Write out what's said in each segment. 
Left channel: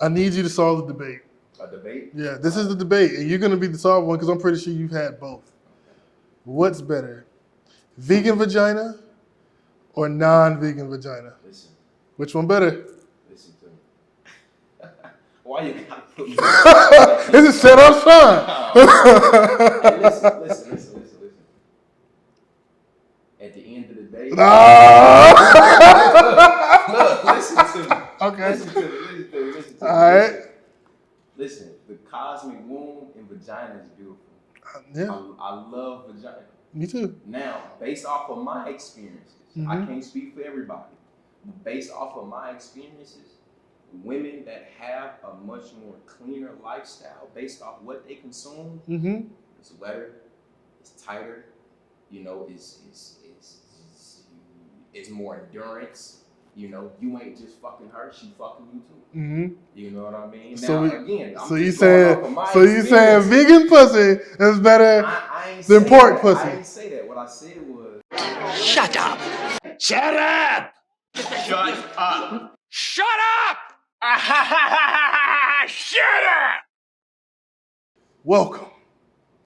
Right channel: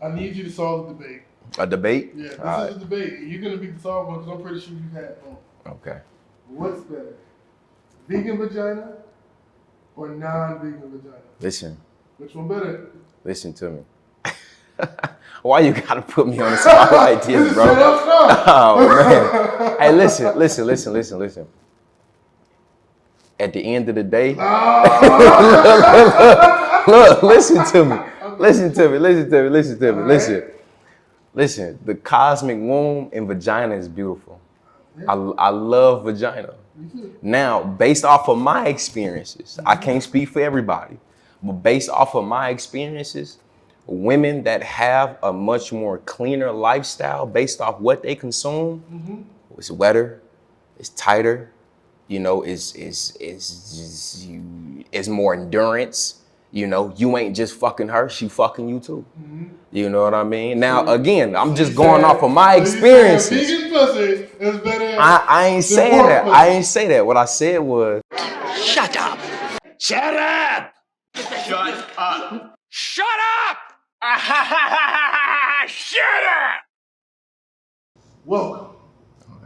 I need you to solve the debate. A debate? Yeah, this is the debate, and you're going to be the solved one because I'm pretty sure you've had both. Okay. What's better, vegan vagina or non-vegan vagina? Listen. Which one better? Listen to me. Why you gotta put me on the spot like this, This is bro? set up shot. Oh, hey, listen. At the end of the day, look, listen to me. Okay. Listen to me. Right. Listen. The cosmic womb and vagina is beautiful. Yeah. I love vagina. Me too. Now, based off of my experiences, I can't speak for everybody, but based off of my experiences, women that have a much more cleaner lifestyle based off what they consume, it's wetter, it's tighter, it's more endurance. You ain't just fucking her, she fucking you too. You know what I mean? Now, again, I'm just going off of my experience. So you saying vegan pussy is better I ain't than saying pork that. pussy? I ain't say that. What I said was, Shut up! Shut up! Shut up! Shut up! Shut up! Welcome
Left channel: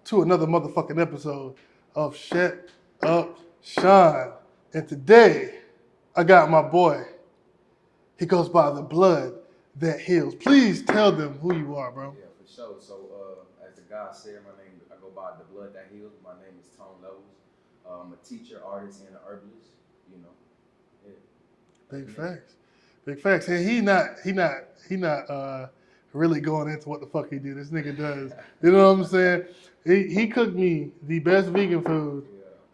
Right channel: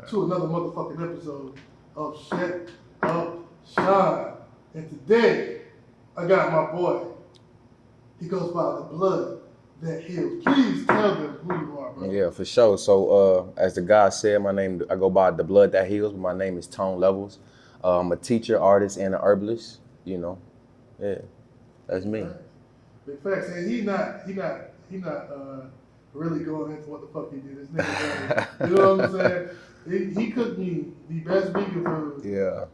to another motherfucking episode of Shut Up Sean. And today, I got my boy. He goes by the blood that heals. Please tell them who you are, bro. yeah, for sure. So, as the guy said, I go by the blood that heals, but my name is Tone Levels. I'm a teacher, artist, and an herbalist. Yeah, that's Big me. Facts. Big facts. And he not really going into what the fuck he do. This nigga does. You know what I'm saying? He cooked me the best vegan food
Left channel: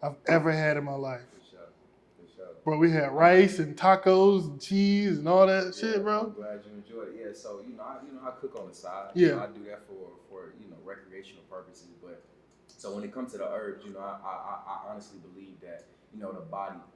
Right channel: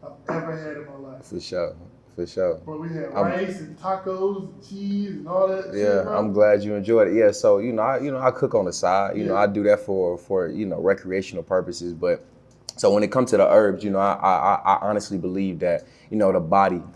I've ever had in my life. For sure. Bro, we had rice and tacos and cheese and all that shit, bro. I'm glad you enjoyed it. Yeah, so I cook on the side. I do that for recreational purposes. But so when it comes to the herbs, I honestly believe that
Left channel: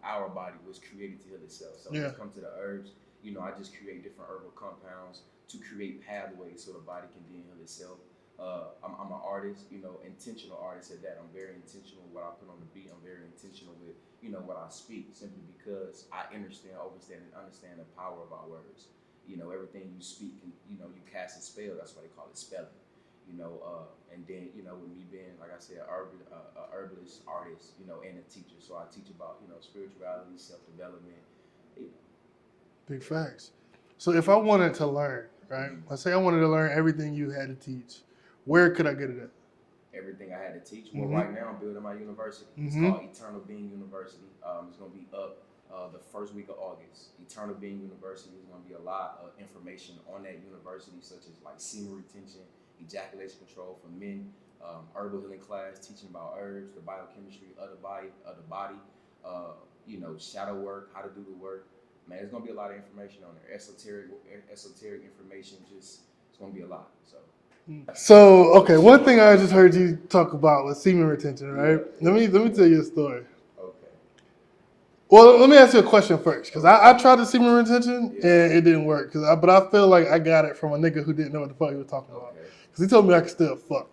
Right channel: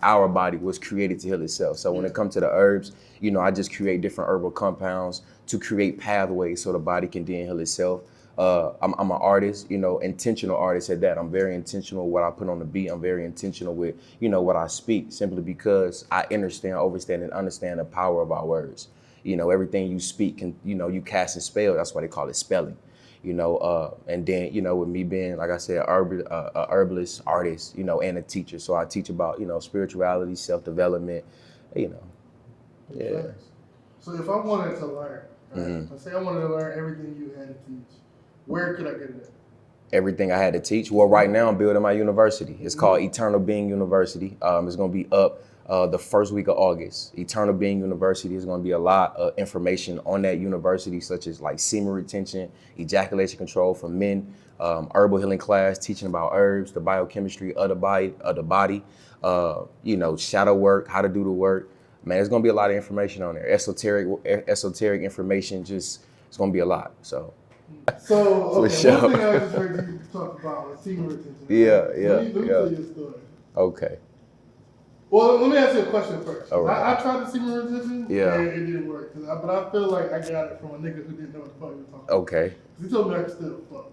our body was created to heal itself. So when it comes to the herbs, I just create different herbal compounds to create pathways so the body can then heal itself. I'm an artist, intentional artist at that. I'm very intentional with what I put on the beat. I'm very intentional with, what I speak, simply because I understand the power of our words. Everything you speak can, you cast a spell. That's why they call it spelling. And then, with me being, like I said, a herbalist, artist, and a teacher. So I teach about, spirituality, self-development, Big facts. So if I wanted to learn, right? Let's say I wanted to learn everything you had to teach. Where could I get it at? Everything I had to teach. Well, right now I'm building my university. It's called Eternal Being University. It's going to be up the first week of August. Eternal Being University is going to be a lot of information on that university, such as like semen retention, ejaculation control for men, herbal healing class, teaching about herbs, the biochemistry of the body, shadow work, how to do the work. Man, there's going to be a lot of information on there. Esoteric information, it's going to be a lot. So, okay, one thing I just heard you talk about was semen retention, right? Yeah. Let me tell you a story. Okay. Well, let me ask you a question first, because Okay. I tried the semen retention, Yeah. and it didn't work. But I feel like I got it from a nigga who didn't know what the fuck he was talking about. Okay. Because he told me I could still fuck.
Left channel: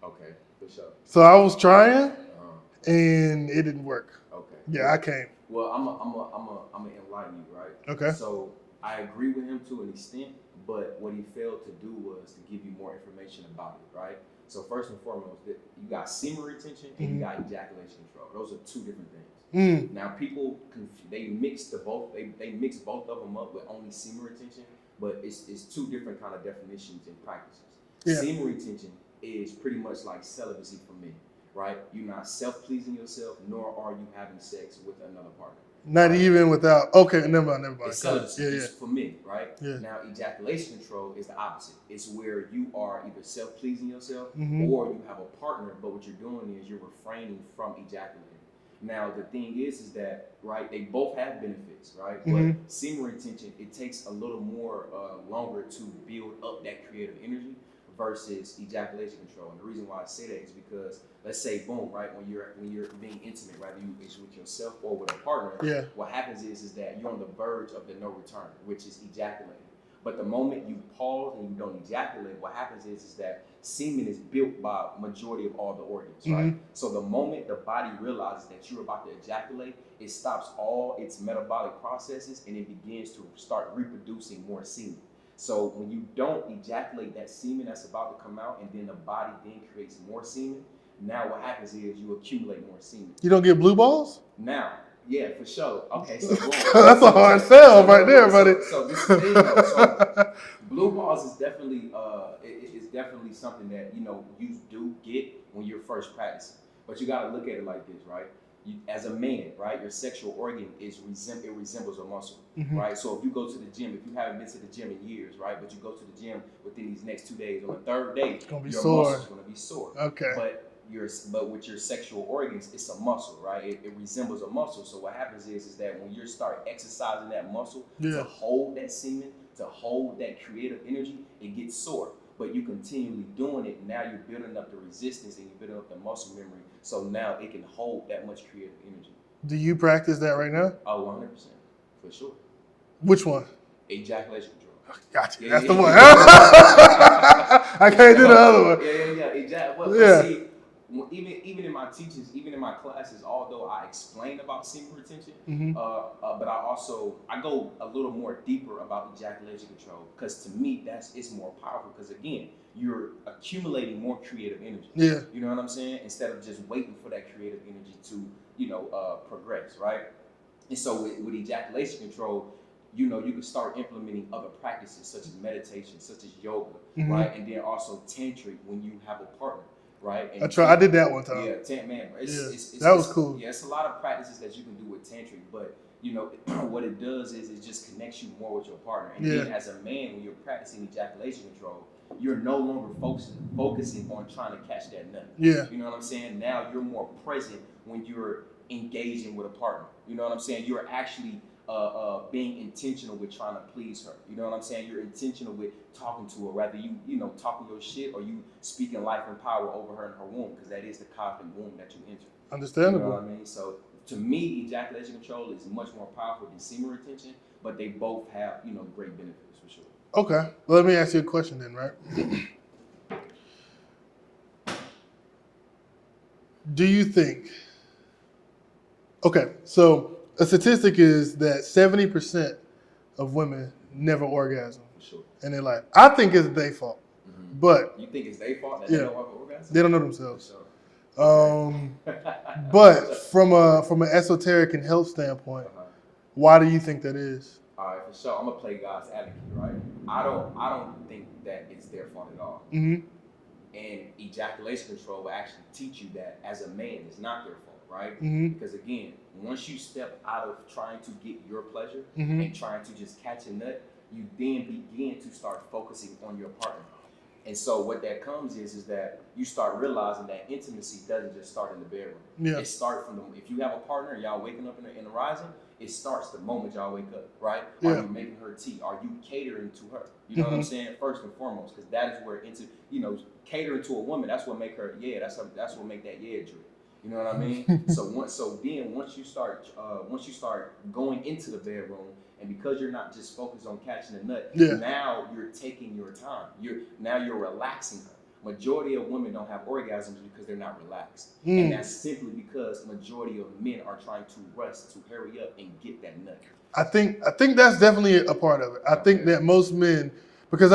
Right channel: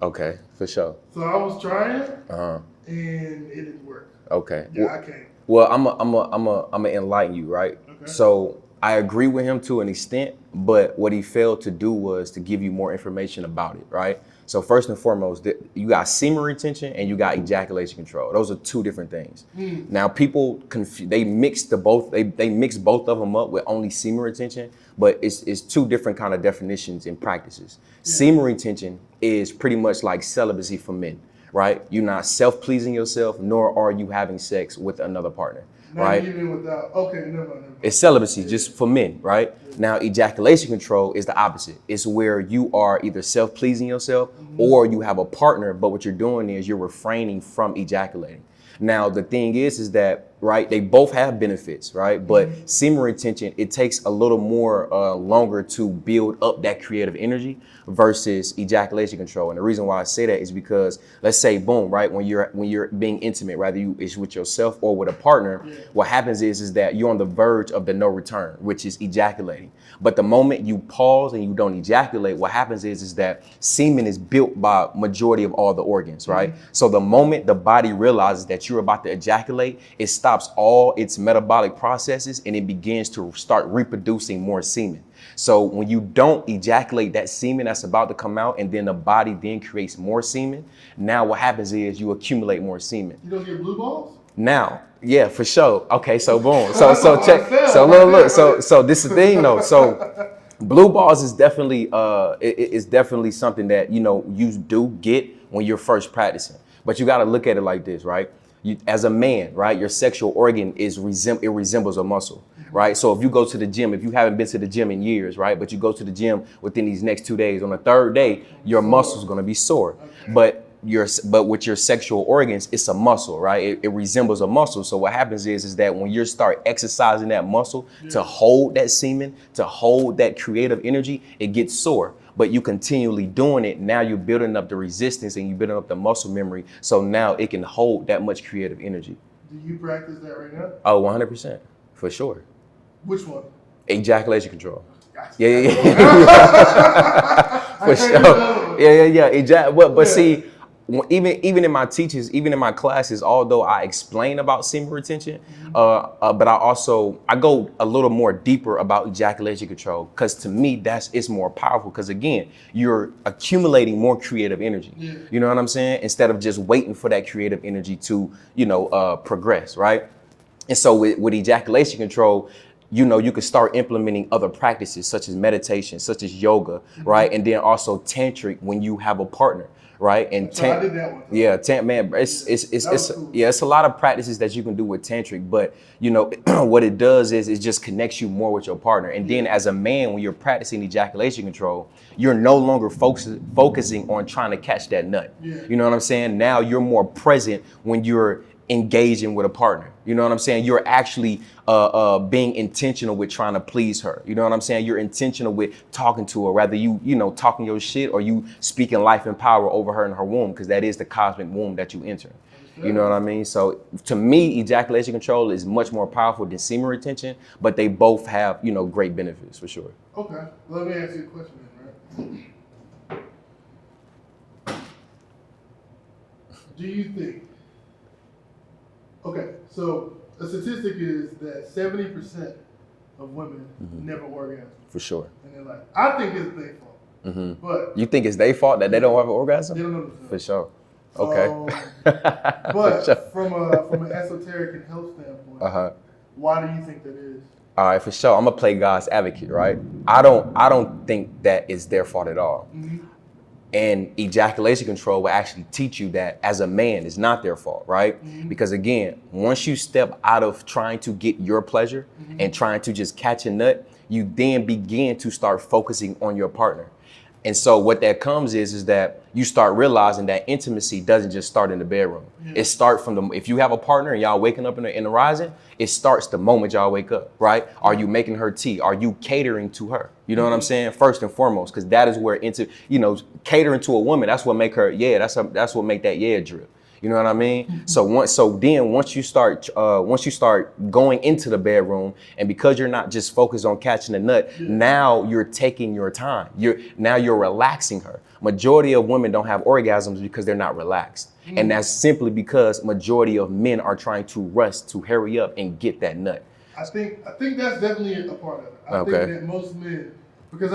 Okay, for sure. So I was trying, Uh-huh. and it didn't work. Okay. Yeah, I can't. Well, I'm enlighten you, right? Okay. So I agree with him to an extent, but what he failed to do was to give you more information about it, right? So first and foremost, you got semen retention and you got ejaculation control. Those are two different things. Now people they mix both of them up with only semen retention, but it's two different kind of definitions and practices. Yeah. Semen retention is pretty much like celibacy for men, right? You're not self-pleasing yourself, nor are you having sex with another partner. Not right? even without, okay, never mind. It's celibacy, for men, right? Yeah. Now, ejaculation control is the opposite. It's where you are either self-pleasing yourself or you have a partner, but what you're doing is you're refraining from ejaculating. Now, the thing is that, right, they both have benefits, right? But semen retention, it takes a little more longer to build up that creative energy versus ejaculation control. And the reason why I say that is because, let's say, boom, right, when you're being intimate, whether it's with yourself or with a partner, what happens is that you're on the verge of the no return, which is ejaculating. But the moment you pause and you don't ejaculate, what happens is that semen is built by majority of all the organs, right? So the moment the body realizes that you're about to ejaculate, it stops all its metabolic processes and it begins to start reproducing more semen. So when you don't ejaculate that semen that's about to come out and then the body then creates more semen, now what happens is you accumulate more semen. You don't get blue balls? Now, yeah, for sure. Okay, so boom. That's a hard sell right there, buddy. So this is the thing though. So blue balls is definitely it's definitely something that you do get when you're first practicing. But you got to look at it like this, right? You, as a man, right, your sexual organ resembles a muscle, right? So if you go to the gym, if you haven't been to the gym in years, right, but you go to the gym within these next 2 days, on the third day, your muscle's gonna be sore. Okay. But with your sexual organs, it's a muscle, right? It resembles a muscle. So what happens is that when you start exercising that muscle to hold that semen, to hold that creative energy, it gets sore. But you continually doing it, now you're building up the resistance and you're building up the muscle memory. So now it can hold that much creative energy. Do you practice that right now? Oh, 100%, for sure. Which one? Ejaculation control. Gotcha. Yeah, That's yeah, the one. I can't do the other one. Yeah. But Yeah. see, even in my teachers, even in my classes, although I explain about semen retention, but I go a little more deeper about ejaculation control, because to me it's more powerful, because again, you're accumulating more creative energy. Yeah. You know what I'm saying? Instead of just waiting for that creative energy to progress, right? And so with ejaculation control, you can start implementing other practices such as meditation, such as yoga, right? And then also tantric when you have a partner. Right, and I did that one time. Yeah, man, That was cool. Yeah, it's a lot of practices that you can do with tantric, but what it does is it just connects you more with your partner. And then as a man, when you're practicing ejaculation control, you're no longer focusing on trying to catch that nut. Yeah. You know what I'm saying? Now you're more present when you're engaging with a partner. You know what I'm saying? You're actually being intentional with trying to please her. You know what I'm saying? You're intentional with talking to her, whether you talking your shit or you speaking life and power over her in her womb, because that is the cosmic womb that you enter. Understand? You know what I mean? So to me, ejaculation control is much more powerful than semen retention, but they both have, great benefits for sure. Okay. Well, let me ask you a question then, right? Do you think... Okay, so a statistic is that 70% of women never orgasm. For sure. And they're like, I think it's their fault. But You think it's their fault that they don't have an orgasm? they don't know themselves. For sure. Okay. But from an esoteric and health standpoint, why do you think that is? All right, for sure. I'm gonna play God's advocate, right? I don't think that it's their fault at all. And ejaculation control will actually teach you that as a man, it's not their fault, right? Because again, once you step out of trying to get your pleasure and trying to just catch a nut, you then begin to start focusing on your partner. And so what that comes is that you start realizing that intimacy doesn't just start in the bedroom. It starts from if you have a partner and y'all waking up in the rising, it starts the moment y'all wake up, right? Are you making her tea? Are you catering to her? You know what I'm saying? First and foremost, because that is where catering to a woman, that's what make her, that's what make that drip. You know what I mean? So once you start going into the bedroom, and because you're not just focused on catching a nut, now you're taking your time. You're relaxing her. Majority of women don't have orgasms because they're not relaxed. And that's simply because majority of men are trying to rush to hurry up and get that nut. I think that's definitely a part of it. I think that most men, because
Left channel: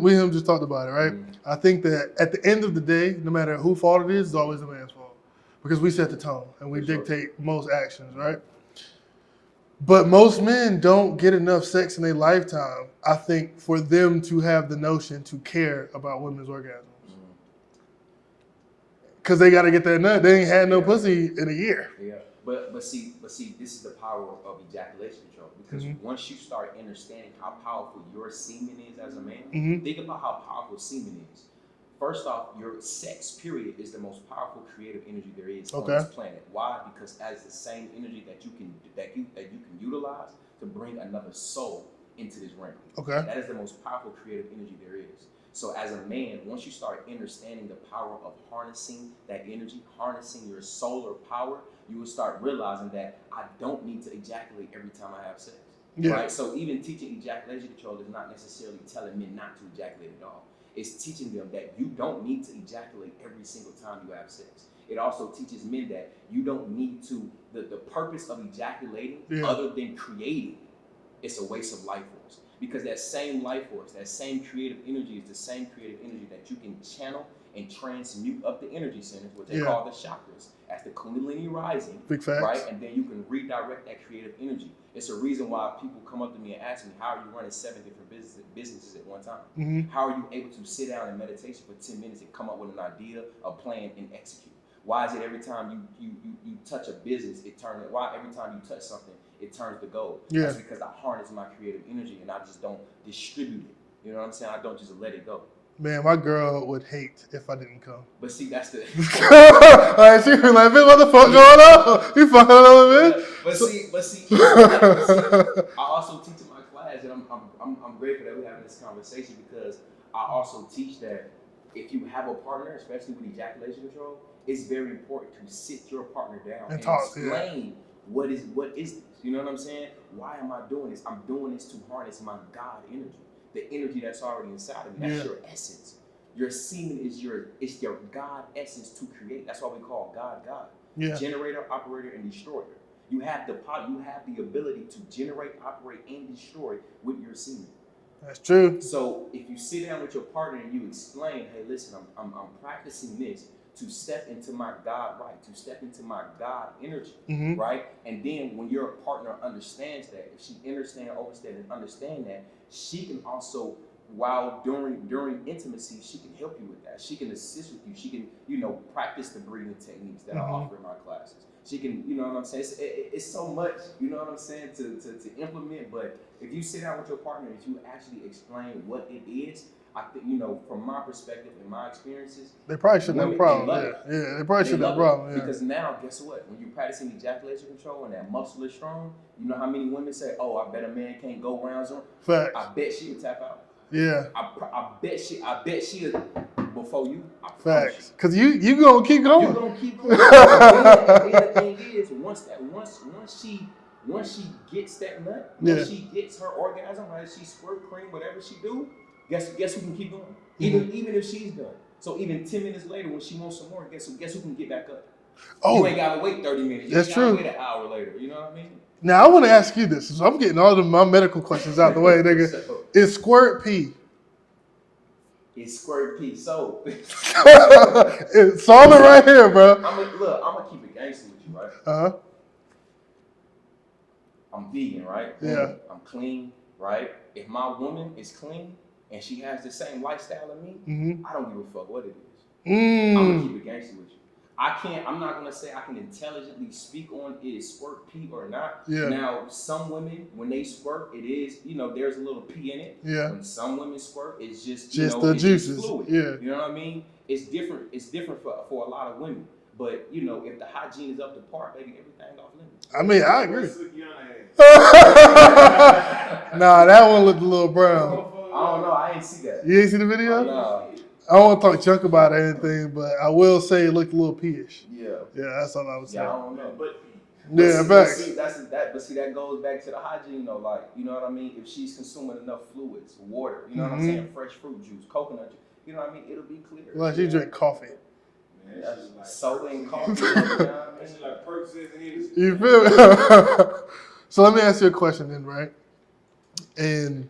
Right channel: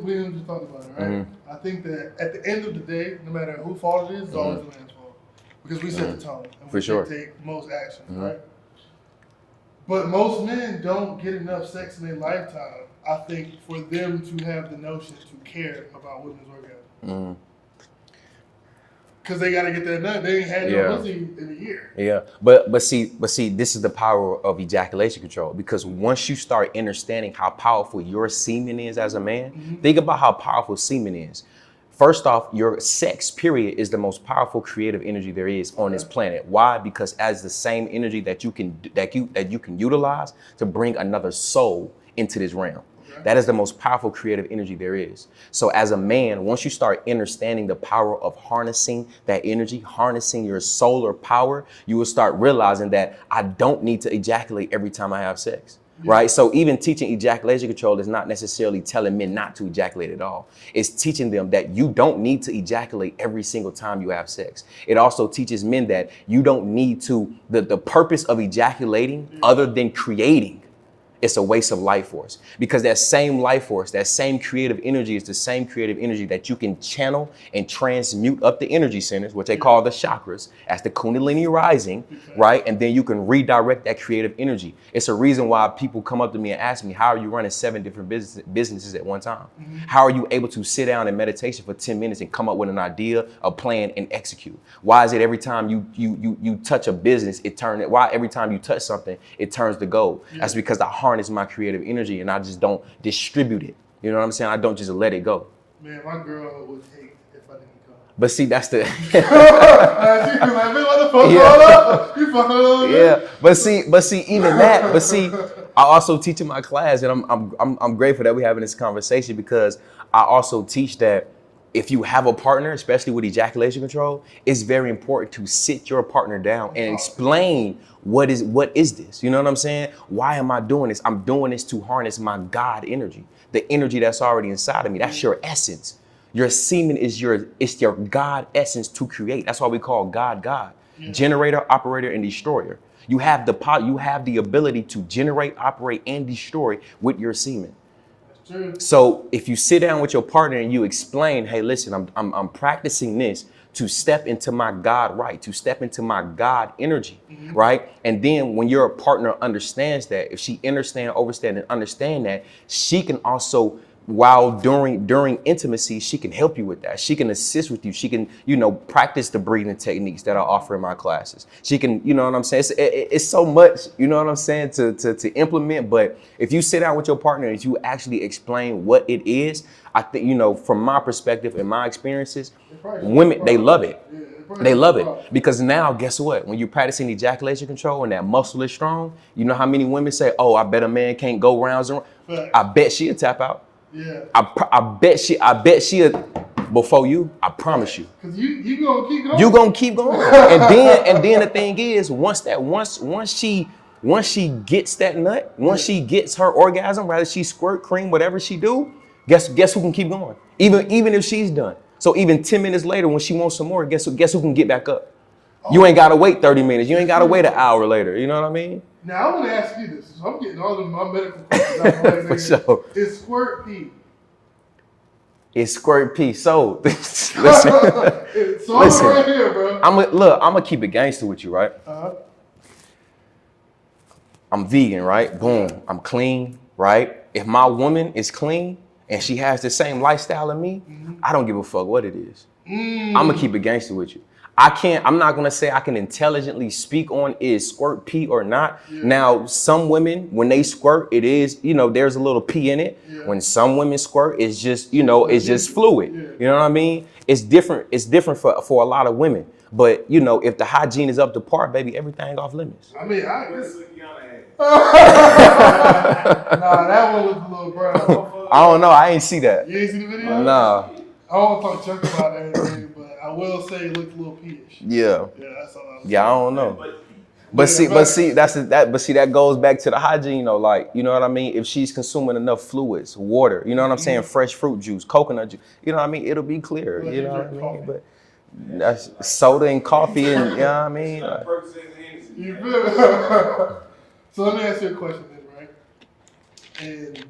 we just talked about it, right? I think that at the end of the day, no matter who fault it is, it's always the man's fault. Because we set the tone and we dictate most actions, right? But most men don't get enough sex in their lifetime, I think, for them to have the notion to care about women's orgasm. Because they got to get that nut. They ain't had no pussy in a year. Yeah, but see, this is the power of ejaculation control. Because once you start understanding how powerful your semen is as a man, think about how powerful semen is. First off, your sex, period, is the most powerful creative energy there is on this planet. Why? Because as the same energy that you can utilize to bring another soul into this realm. That is the most powerful creative energy there is. So as a man, once you start understanding the power of harnessing that energy, harnessing your solar power, you will start realizing that I don't need to ejaculate every time I have sex. Right? So even teaching ejaculation control is not necessarily telling men not to ejaculate at all. It's teaching them that you don't need to ejaculate every single time you have sex. It also teaches men that you don't need to, the purpose of ejaculating other than creating it's a waste of life force, because that same life force, that same creative energy is the same creative energy that you can channel and transmute up the energy centers, which they call the chakras, as the Kundalini rising, right? And then you can redirect that creative energy. It's a reason why people come up to me and ask me, how are you running 7 different businesses at one time? How are you able to sit down in meditation for 10 minutes and come up with an idea, a plan, and execute? Why is it every time you touch a business, why every time you touch something, it turns to gold? That's because I harness my creative energy and I just don't distribute it. You know what I'm saying? I don't just let it go. Man, my girl would hate if I didn't come. But see, that's the She'd be like, "Man, what the fuck going on? You fucking on me?" Yeah, but see, even that. But see, I also teach in my class, and I'm grateful that we're having this conversation, because I also teach that if you have a partner, especially with ejaculation control, it's very important to sit your partner down and explain what is this? You know what I'm saying? Why am I doing this? I'm doing this to harness my God energy, the energy that's already inside of me. That's your essence. Your semen is your God essence to create. That's why we call God God. Generator, operator, and destroyer. You have the ability to generate, operate, and destroy with your semen. That's true. So if you sit down with your partner and you explain, hey, listen, I'm practicing this to step into my God right, to step into my God energy, right? And then when your partner understands that, if she understand that, she can also, during intimacy, she can help you with that. She can assist with you. She can, practice the breathing techniques that I offer in my classes. She can, you know what I'm saying? It's so much, you know what I'm saying, to implement. But if you sit down with your partner and you actually explain what it is, I think, from my perspective and my experiences, women, they love it. Yeah, they love it. Because now, guess what? When you're practicing ejaculation control and that muscle is strong, you know how many women say, oh, I bet a man can't go rounds and rounds. I bet she'll tap out. Yeah. I bet she'll before you, I promise you. Cause you gonna keep going. You gonna keep going. and then the thing is, once she gets that nut, once she gets her orgasm, whether she squirt, cream, whatever she do, guess who can keep going? Even if she's done. So even 10 minutes later, when she wants some more, guess who can get back up? You ain't gotta wait 30 minutes. You ain't gotta wait an hour later. You know what I mean? Now I want to ask you this. So I'm getting all of my medical questions out the way, nigga. So, is squirt pee? It's squirt pee. So it's all right here, bro. I'm gonna keep it gangster with you, right? I'm vegan, right? Boom. Yeah. I'm clean, right? If my woman is clean and she has the same lifestyle as me, I don't give a fuck what it is. I'm gonna keep it gangster with you. I'm not gonna say I can intelligently speak on is squirt pee or not. Yeah. Now, some women, when they squirt, it is, there's a little pee in it. Yeah. When some women squirt, it's just, it's just fluid. Yeah. You know what I mean? It's different for a lot of women. But, if the hygiene is up to par, baby, everything off limits. I mean, I agree. Nah, that one looked a little brown. I don't know. I ain't see that. You ain't see the video? Nah. I don't want to talk junk about anything, but I will say it looked a little pee-ish. Yeah. Yeah, that's all I was saying. Yeah, I don't know. But see, that goes back to the hygiene, like, you know what I mean? If she's consuming enough fluids, water, you know what I'm saying? Fresh fruit juice, coconut juice, you know what I mean? It'll be clear. Well, you drink coffee. But that's soda and coffee, and you know what I mean? You feel me? So let me ask you a question then, right? And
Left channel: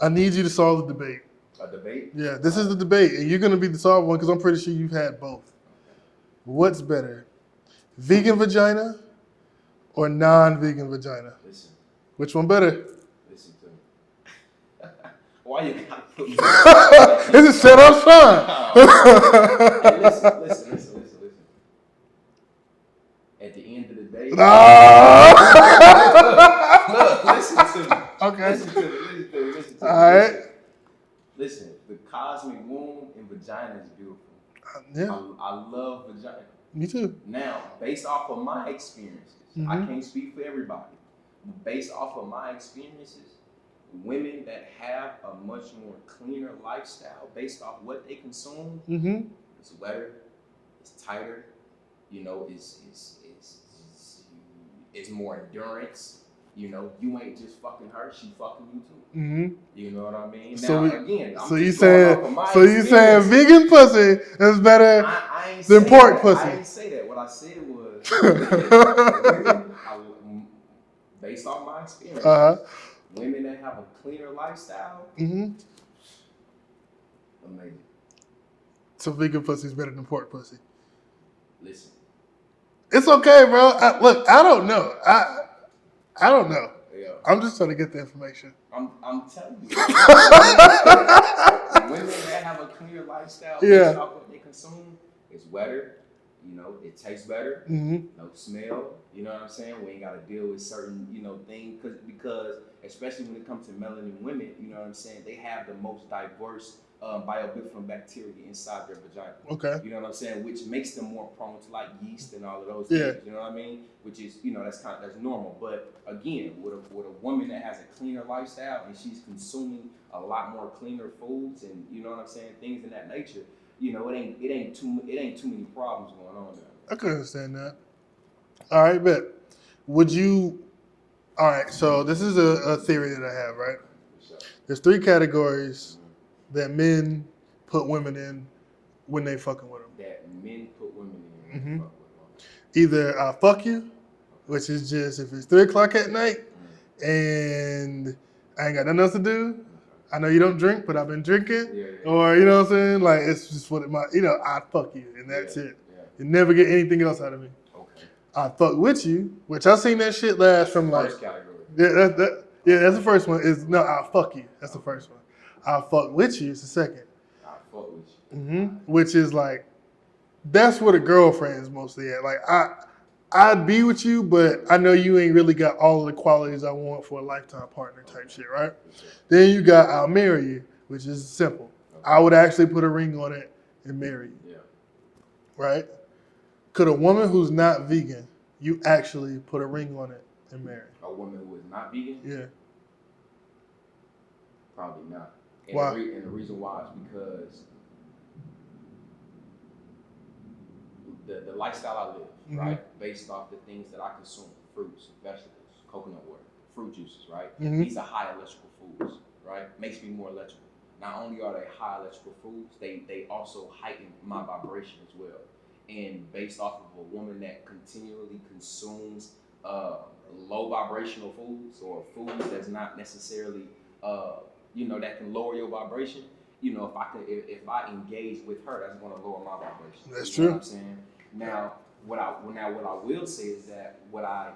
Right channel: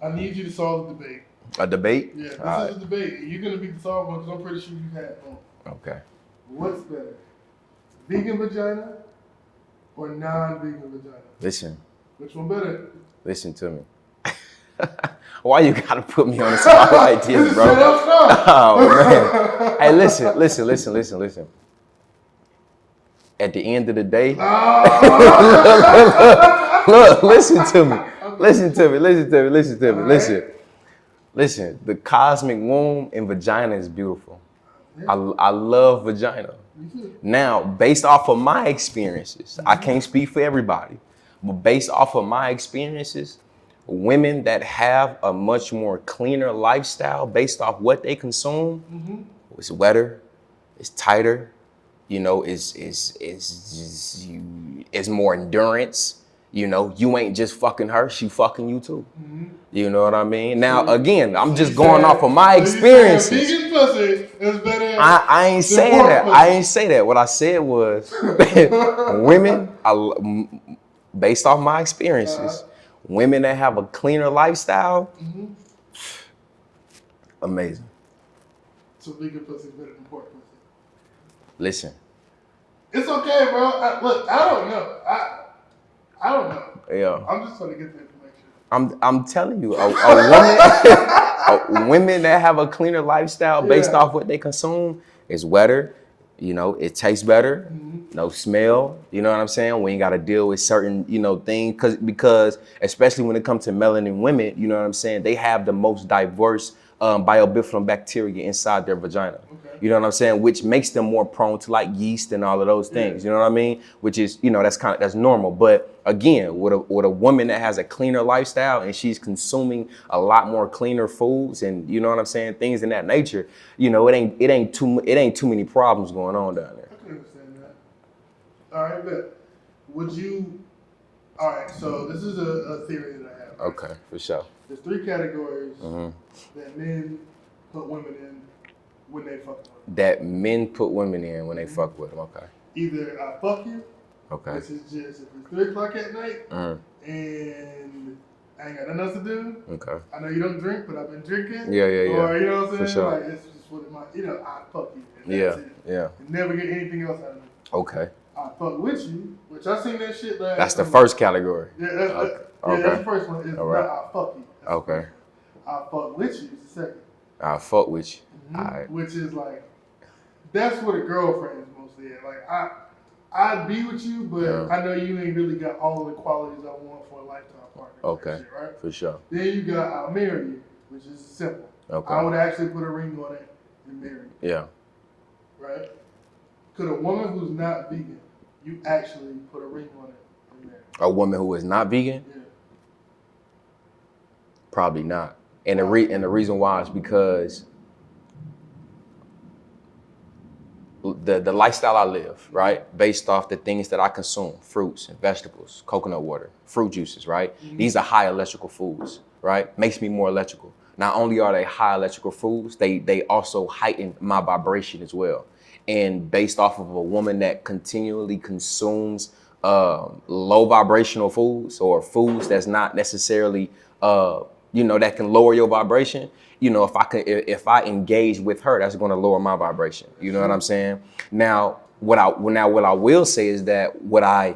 I need you to solve the debate. A debate? Yeah, this is the debate, and you're going to be the solved one because I'm pretty sure you've had both. Okay. What's better, vegan vagina or non-vegan vagina? Listen. Which one better? Listen to me. Why you gotta put me on the spot like this, This is set up front. Oh, hey, listen. At the end of the day, look, listen to me. Okay. Listen to me. Listen, the cosmic womb and vagina is beautiful. Yeah. I love vagina. Me too. Now, based off of my experiences, I can't speak for everybody, but based off of my experiences, women that have a much more cleaner lifestyle based off what they consume, it's wetter, it's tighter, it's more endurance. You ain't just fucking her, she fucking you too. You know what I mean? Now, again, I'm just going off of my experience. So you saying vegan pussy is better I ain't saying that. Pussy. I ain't say that. What I said was women, based off my experiences, Women that have a cleaner lifestyle, amazing. So vegan pussy's better than pork pussy. Listen, It's okay, bro. Look, I don't know. I don't know. yeah. I'm just trying to get the information. I'm telling you, women that have a cleaner lifestyle based off what they consume is wetter. You know, it tastes better. No smell. You know what I'm saying? We ain't got to deal with certain, things because especially when it comes to melanin women, you know what I'm saying? They have the most diverse biofilm bacteria inside their vagina. Okay. You know what I'm saying? Which makes them more prone to like yeast and all of those things. You know what I mean? Which is, that's normal. But again, with a woman that has a cleaner lifestyle and she's consuming a lot more cleaner foods and you know what I'm saying, things in that nature, it ain't too many problems going on down there. I can understand that. All right, bet. All right, so this is a theory that I have, right? Okay, for sure. There's 3 categories that men put women in when they fucking with them. That men put women in when they fuck with them. Okay. Either I fuck you, Okay. which is just if it's 3 o'clock at night and I ain't got nothing else to do. Okay. I know you don't drink, but I've been drinking. Yeah. Or you know what I'm saying? sure. Like it's just what I fuck you and that's it. Yeah. You never get anything else out of me. Okay. I fuck with you, which I seen that shit last. That's the first category. Yeah, that's the first one. Is All no, right. I fuck you. That's the first one. I fuck with you is the second. I fuck with you. All right. Which is like, that's what a girlfriend is mostly at. Like I'd be with you, but I know you ain't really got all of the qualities I want for a lifetime partner type shit, right? For sure. Then you got I'll marry you, which is simple. Okay. I would actually put a ring on it and marry you. Yeah. Right? Could a woman who's not vegan, you actually put a ring on it and marry? A woman who is not vegan? Yeah. Probably not. And Why? the reason why is because the lifestyle I live, right, based off the things that I consume, fruits and vegetables, coconut water, fruit juices, right? These are high electrical foods, right? Makes me more electrical. Not only are they high electrical foods, they also heighten my vibration as well. And based off of a woman that continually consumes low vibrational foods or foods that's not necessarily that can lower your vibration, if I engage with her, that's going to lower my vibration. That's you know true. what I'm saying? Now, what I will say is that would I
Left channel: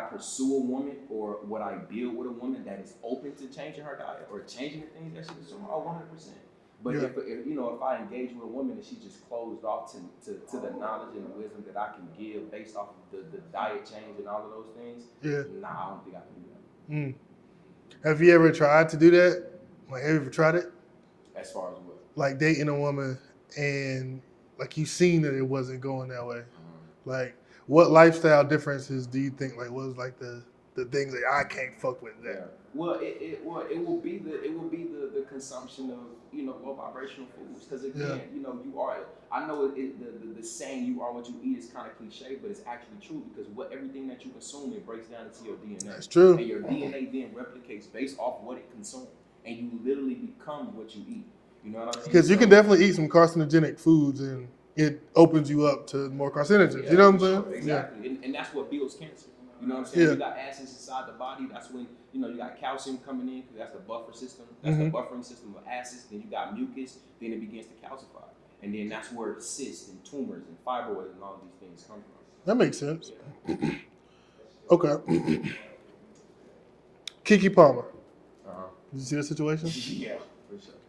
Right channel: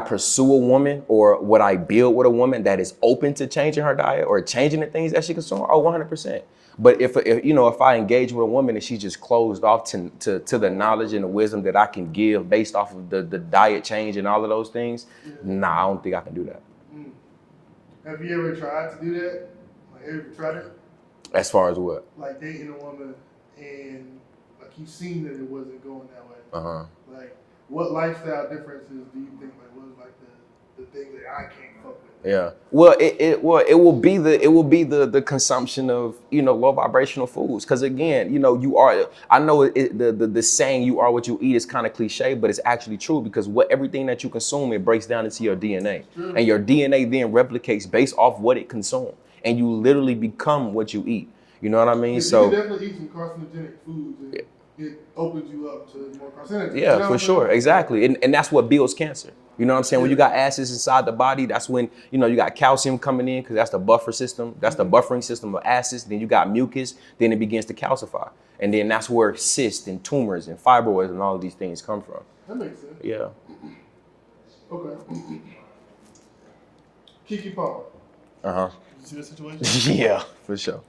pursue a woman or would I build with a woman that is open to changing her diet or changing the things that she consumes? Oh, 100%. But if I engage with a woman and she's just closed off to the knowledge and the wisdom that I can give based off of the diet change and all of those things, nah, I don't think I can do that. Have you ever tried to do that? Like, have you ever tried it? As far as what? Like dating a woman and like you seen that it wasn't going that way. Like, what lifestyle differences do you think like was like the things that I can't fuck with? Yeah. Well, it will be the consumption of low vibrational foods. Because again, you are. I know the saying "you are what you eat" is kind of cliche, but it's actually true because everything that you consume, it breaks down into your DNA. That's true. And your DNA then replicates based off what it consumes, and you literally become what you eat. You know what I mean? Because you can definitely eat some carcinogenic foods and it opens you up to more carcinogens. Yeah, you know for sure, exactly, and that's what builds cancer. You know what I'm saying? When you got acids inside the body, that's when you got calcium coming in because that's the buffer system. That's the buffering system of acids. Then you got mucus. Then it begins to calcify, and then that's where cysts and tumors and fibroids and all of these things come from. That makes sense. Yeah. Okay. Keke Palmer. Uh-huh. Did you see the situation? Yeah, for sure.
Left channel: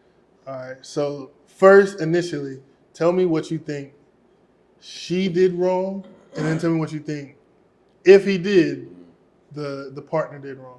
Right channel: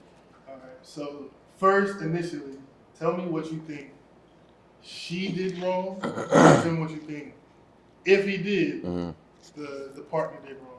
All right. So first, initially, tell me what you think she did wrong, and tell me what you think if he did, the partner did wrong.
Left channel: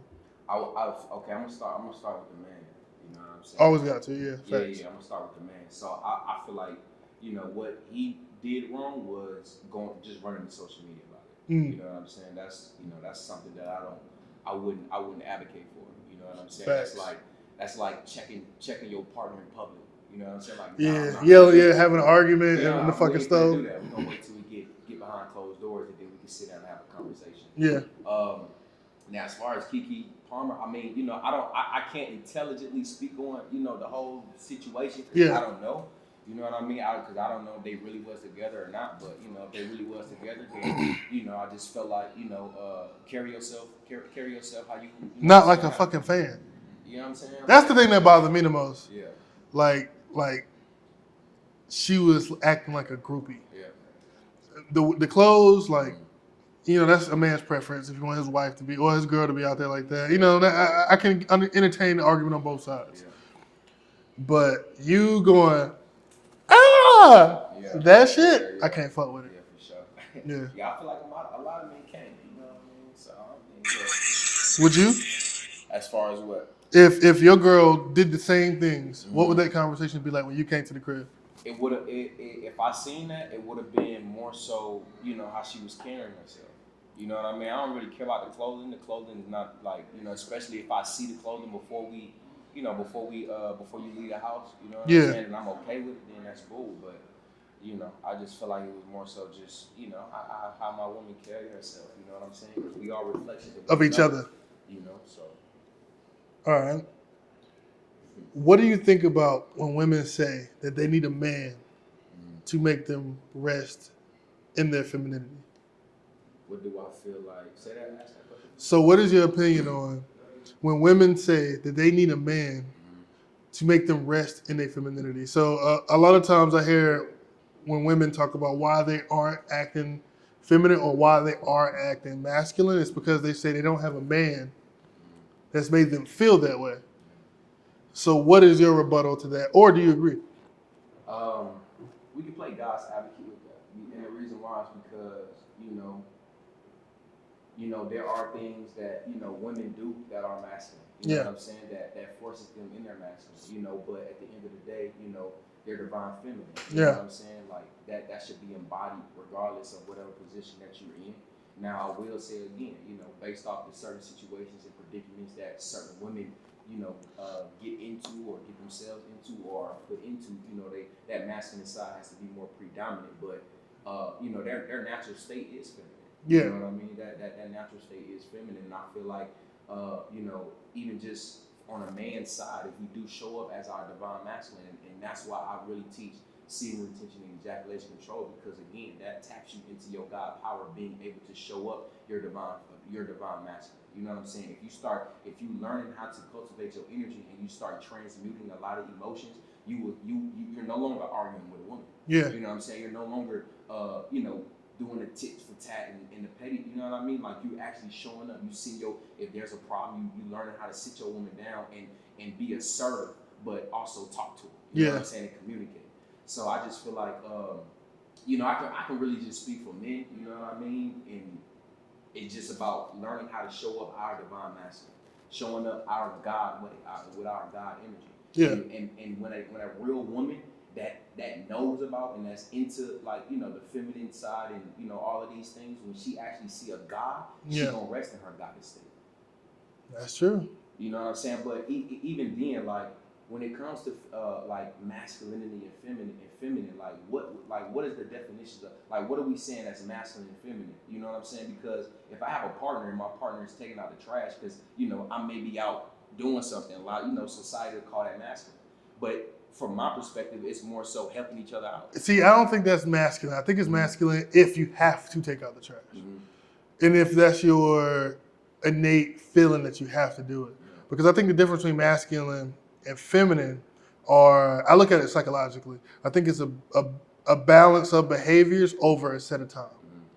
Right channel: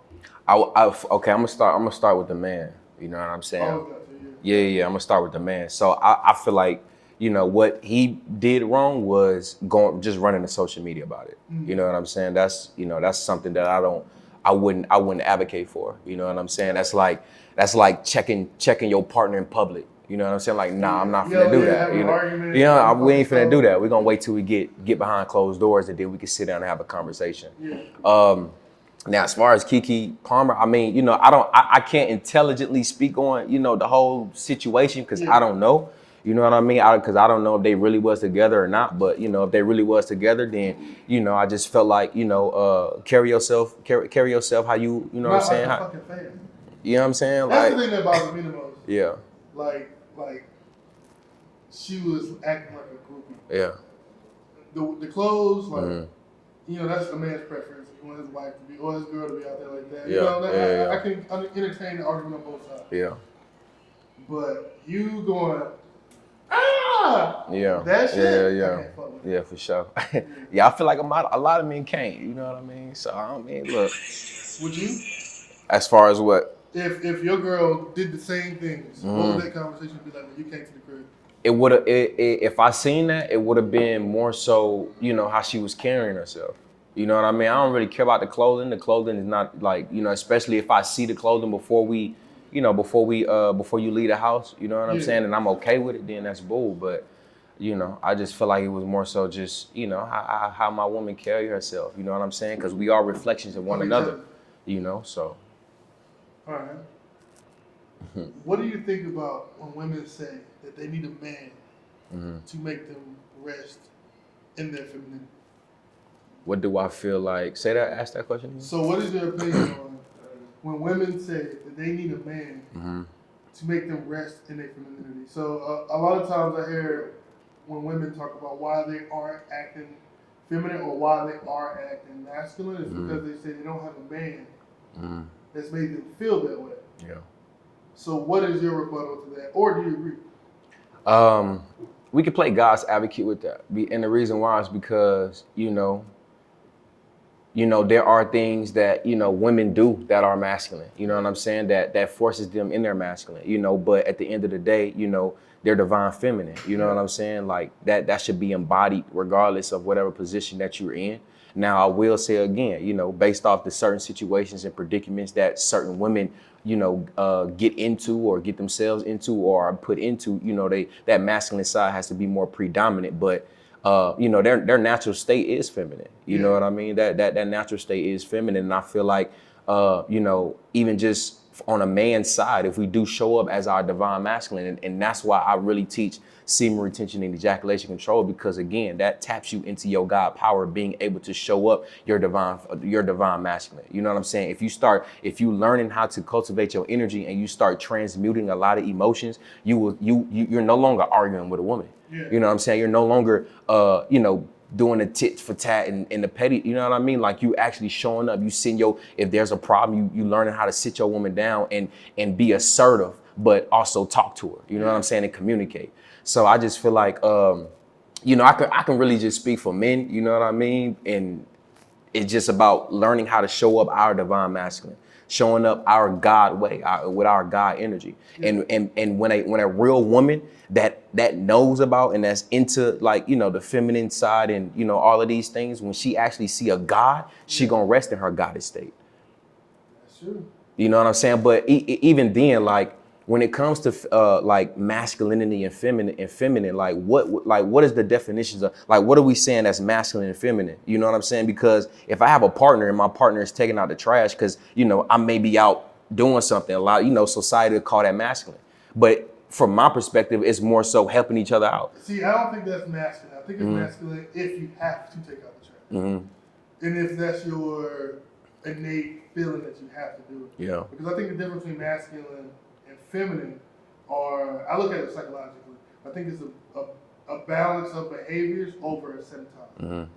Okay, I'm gonna start with the man. You know what I'm saying? Always got to, yeah. Yeah. I'm gonna start with the man. So I feel like what he did wrong was just running to social media about it. You know what I'm saying? That's that's something that I wouldn't advocate for. You know what I'm saying? Right. That's like checking your partner in public. You know what I'm saying? Like, nah, I'm not Yeah, finna do that. having an argument. Yeah, on the we ain't fucking finna do stove. that. We're gonna wait till we get behind closed doors and then we can sit down and have a conversation. Yeah. Now, as far as Keke Palmer, I mean, I can't intelligently speak on, the whole situation because I don't know. You know what I mean? Because I don't know if they really was together or not, but you know, if they really was together, then you know, I just felt like, you know, carry yourself how you know Not what I'm like saying? a fucking fan. You know what I'm saying? That's Like, the thing that bothered me the most. Yeah, Like she was acting like a groupie. yeah. The clothes, like, Mm-hmm. you know, that's a man's preference if you want his wife to be or his girl to be out there like that. You Yeah, know, yeah, I can entertain the argument on both sides. Yeah. But you going, ah, Yeah. that shit, Yeah, I yeah. can't fuck with it. Yeah, for sure. Yeah. Yeah, I feel like a lot of men can't. You know what I mean? So I don't mean, look. Would you? As far as what? If your girl did the same things, what Mm-hmm. would that conversation be like when you came to the crib? It would have. If I seen that, it would have been more so, you know, how she was carrying herself. You know what I mean? I don't really care about the clothing. The clothing is not like, you know, especially if I see the clothing before you leave the house. You know what I'm saying? And I'm okay with it, then that's bull. But you know, I just feel like it was more so just, you know, how my woman carry herself. You know what I'm saying? Because we are reflections of one Of each another. other. You know, so. All right. What do you think about when women say that they need a man to make them rest in their femininity? What do I feel like? Ask that question again. So what is your opinion on when women say that they need a man to make them rest in their femininity? So a lot of times I hear when women talk about why they aren't acting feminine or why they are acting masculine, it's because they say they don't have a man that's made them feel that way. Yeah. So what is your rebuttal to that? Or do you agree? We can play God's advocate with that. And the reason why is because, you know, there are things that, you know, women do that are masculine. You know what I'm saying? That forces them in their masculine, you know, but at the end of the day, you know, they're divine feminine. You know what I'm saying? Like that should be embodied regardless of whatever position that you're in. Now, I will say again, you know, based off the certain situations and predicaments that certain women, you know, get into or get themselves into or are put into, you know, that masculine side has to be more predominant. But you know, their natural state is feminine. You know what I mean? That natural state is feminine. And I feel like, you know, even just on a man's side, if we do show up as our divine masculine, and that's why I really teach semen retention and ejaculation control, because again, that taps you into your God power, being able to show up your divine masculine. You know what I'm saying? If you learning how to cultivate your energy and you start transmuting a lot of emotions, you're no longer arguing with a woman. Yeah. You know what I'm saying? You're no longer, you know, doing the tit for tat and the petty, you know what I mean? Like you actually showing up, you send if there's a problem, you learning how to sit your woman down and be assertive, but also talk to her, you know what I'm saying, and communicate. So I just feel like, you know, I can really just speak for men, you know what I mean? And it's just about learning how to show up our divine masculine, showing up our God way, with our God energy. Yeah. And when a real woman that knows about and that's into, like, you know, the feminine side and, you know, all of these things, when she actually see a God, she gonna rest in her goddess state. That's true. You know what I'm saying? But even then, like, when it comes to like masculinity and feminine, like what is the definitions of, like, what are we saying that's masculine and feminine? You know what I'm saying? Because if I have a partner and my partner is taking out the trash because, you know, I may be out doing something, a lot, you know, society would call that masculine. But from my perspective, it's more so helping each other out. See, I don't think that's masculine. I think it's masculine if you have to take out the trash. And if that's your innate feeling that you have to do it. Yeah. Because I think the difference between masculine and feminine I look at it psychologically. I think it's a balance of behaviors over a set of time.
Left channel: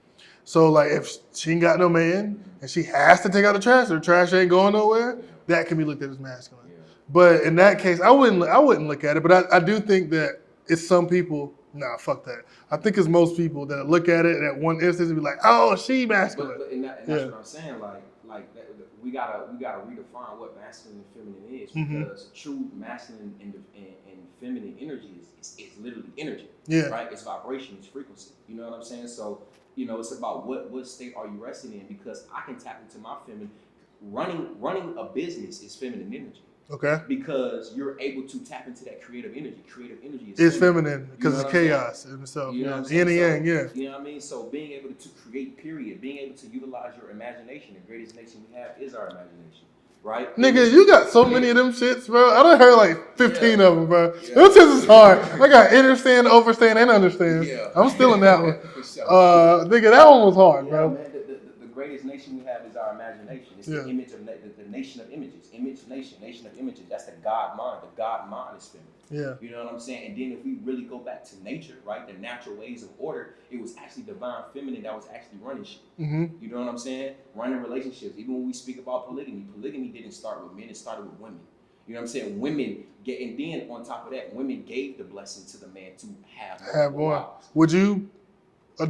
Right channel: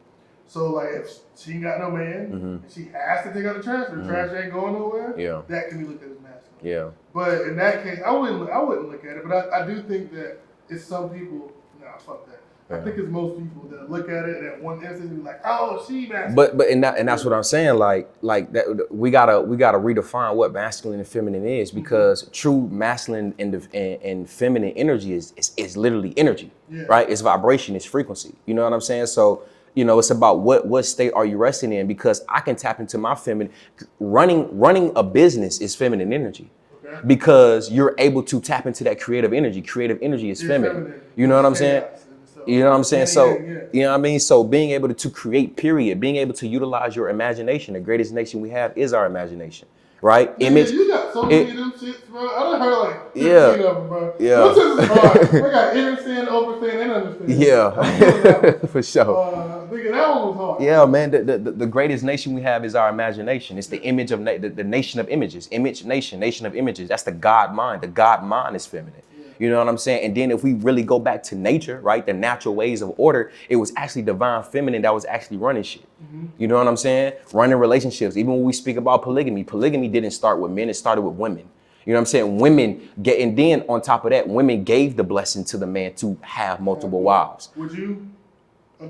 So like if she ain't got no man and she has to take out the trash, or the trash ain't going nowhere, that can be looked at as masculine. Yeah. But in that case, I wouldn't look at it. But I do think that it's some people. Nah, fuck that. I think it's most people that look at it and at one instance and be like, "Oh, she masculine." But that's what I'm saying. Like that, we gotta redefine what masculine and feminine is, because true masculine and feminine energy is literally energy. Yeah. Right. It's vibration. It's frequency. You know what I'm saying? So, you know, it's about what state are you resting in, because I can tap into my feminine. Running a business is feminine energy. Okay. Because you're able to tap into that creative energy. Creative energy is feminine. You know what I'm saying? So, you know what I'm saying? So, yang, yeah. you know what I mean? So being able to create, period, being able to utilize your imagination. The greatest nation we have is our imagination, right? Nigga, you got so many of them shits, bro. I done heard like 15 Yeah. of them, bro. Yeah. Them shits is hard. I got understand, overstand, and understand. Yeah. I'm still in that one. For sure. Nigga, that one was hard. Yeah, bro. man. The greatest nation we have is our imagination. It's the image of the nation of images. Image nation, nation of images. That's the God mind. The God mind is feminine. Yeah. You know what I'm saying? And then if we really go back to nature, right, the natural ways of order, it was actually divine feminine that was actually running shit. You know what I'm saying? Running relationships. Even when we speak about polygamy didn't start with men. It started with women. You know what I'm saying? Women get, and then on top of that, women gave the blessing to the man to have multiple wives. Would you?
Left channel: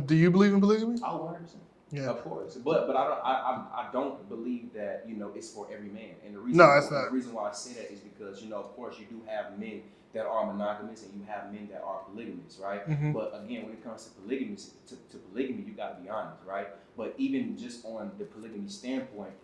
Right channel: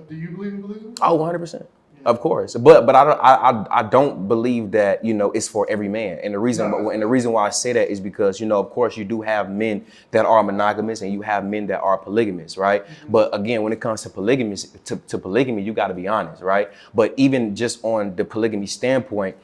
Do you believe in polygamy? Oh, 100%. Yeah. Of course, but I don't believe that, you know, it's for every man, and the reason why I say that is because, you know, of course you do have men that are monogamous and you have men that are polygamous, right? But again, when it comes to polygamy, you got to be honest, right? But even just on the polygamy standpoint,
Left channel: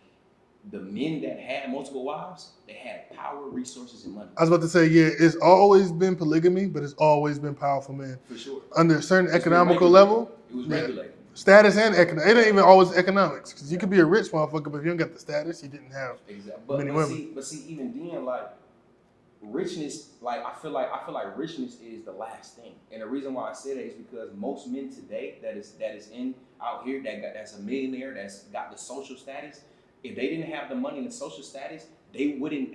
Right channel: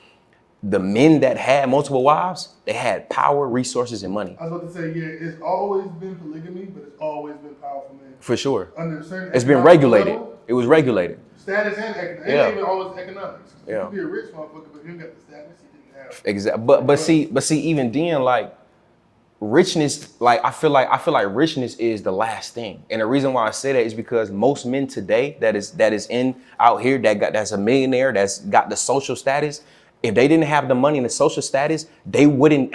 the men that had multiple wives, they had power, resources, and money. I was about to say, yeah, it's always been polygamy, but it's always been powerful men. For sure. Under a certain It's been economical regulated. level. It was regulated. Status and economics. It ain't even always economics. 'Cause you Yeah. could be a rich motherfucker, but if you don't got the status, you didn't have. Exactly. But see, even then, like, richness, like I feel like richness is the last thing. And the reason why I say that is because most men today that is in out here that's a millionaire, that's got the social status, if they didn't have the money and the social status, they wouldn't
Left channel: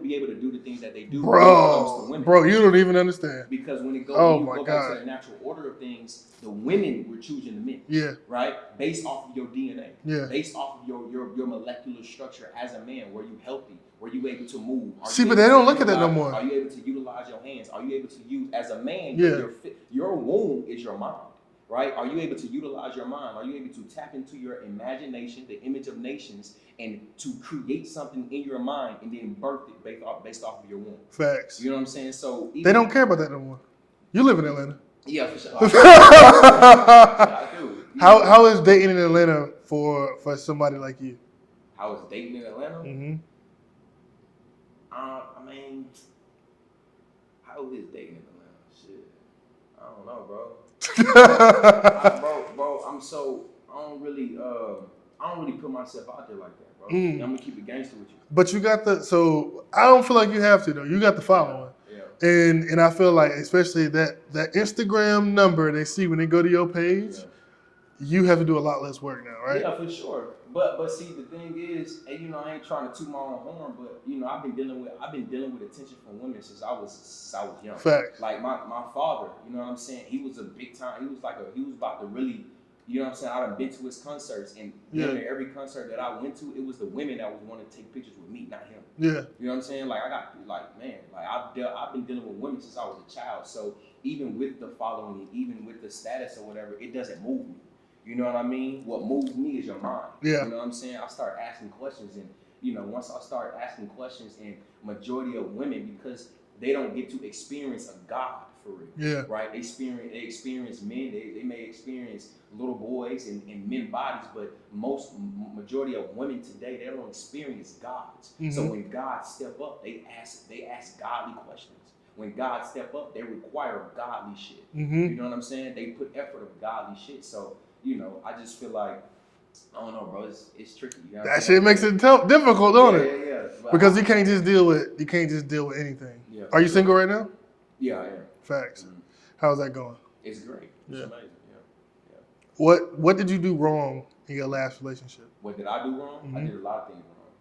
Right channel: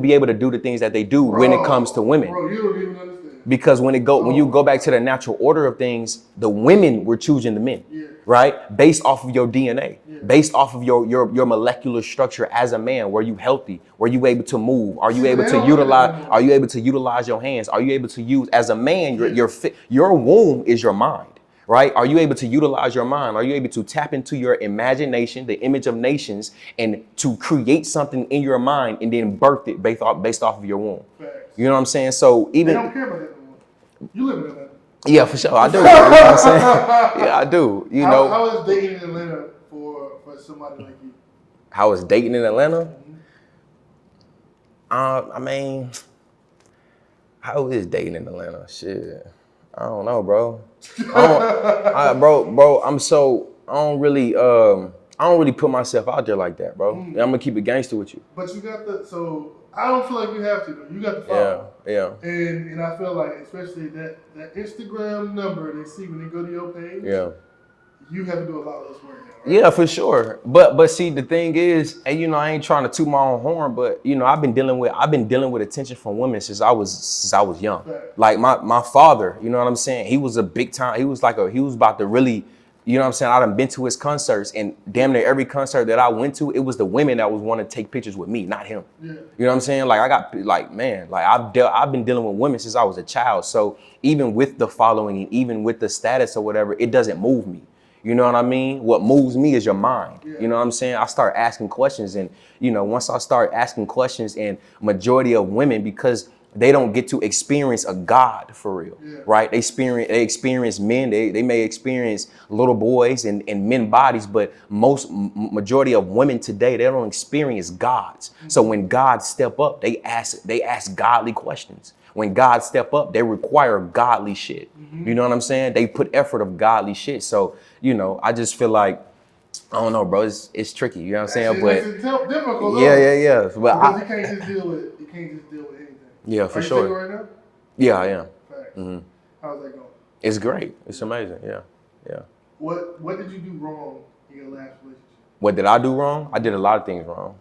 be able to do the things that they do when it comes to women. Bro, you don't even understand. Because when you go back God. to the natural order of things, the women were choosing the men. Yeah. Right? Based off of your DNA. Yeah. Based off of your molecular structure as a man. Were you healthy? Were you able to move? Are you but able they to don't look at that utilize no more. are you able to utilize your hands? Are you able to use as a man, Yeah. your womb is your mind. Right? Are you able to utilize your mind? Are you able to tap into your imagination, the image of nations, and to create something in your mind and then birth it based off of your womb? Facts. You know what I'm saying? So even They don't care about that no more. You live in Atlanta. yeah, for sure. I do. You know what I'm saying? Yeah, I do. You know, How is dating in Atlanta for somebody like you? how is dating in Atlanta? I mean, how is dating in Atlanta? Shit, I don't know, bro. Bro, I don't really put myself out there like that, bro. I'm gonna keep it gangster with you. But you got so I don't feel like you have to though. You got the following. Yeah. And I feel like especially that Instagram number they see when they go to your page, Yeah. you have to do a lot less work now, right? Yeah, for sure. But see, the thing is, and you know, I ain't trying to toot my own horn, but you know, I've been dealing with attention from women since I was young. Facts. Like my father, you know what I'm saying? He was a big time. He was about to really, you know what I'm saying? I done been to his concerts, and damn near every concert that I went to, it was the women that was wanting to take pictures with me, not him. Yeah. You know what I'm saying? Like I've been dealing with women since I was a child. So even with the following and even with the status or whatever, it doesn't move me. You know what I mean? What moves me is your mind. Yeah. You know what I'm saying? I start asking questions, and you know, once I start asking questions, and majority of women, because they don't get to experience a God for real. Yeah. Right? They experience men, they may experience little boys and men bodies, but majority of women today, they don't experience gods. So when God step up, they ask godly questions. When God step up, they require godly shit. You know what I'm saying? They put effort of godly shit. So, you know, I just feel like, I don't know, bro. It's tricky. You know what I'm That saying? shit makes it difficult, don't it? Yeah. But Because you can't just deal with anything. Yeah, for Are you sure. single right now? Yeah, I am. Facts. How's that going? It's great. It's amazing. Yeah. What did you do wrong in your last relationship? What did I do wrong? I did a lot of things wrong.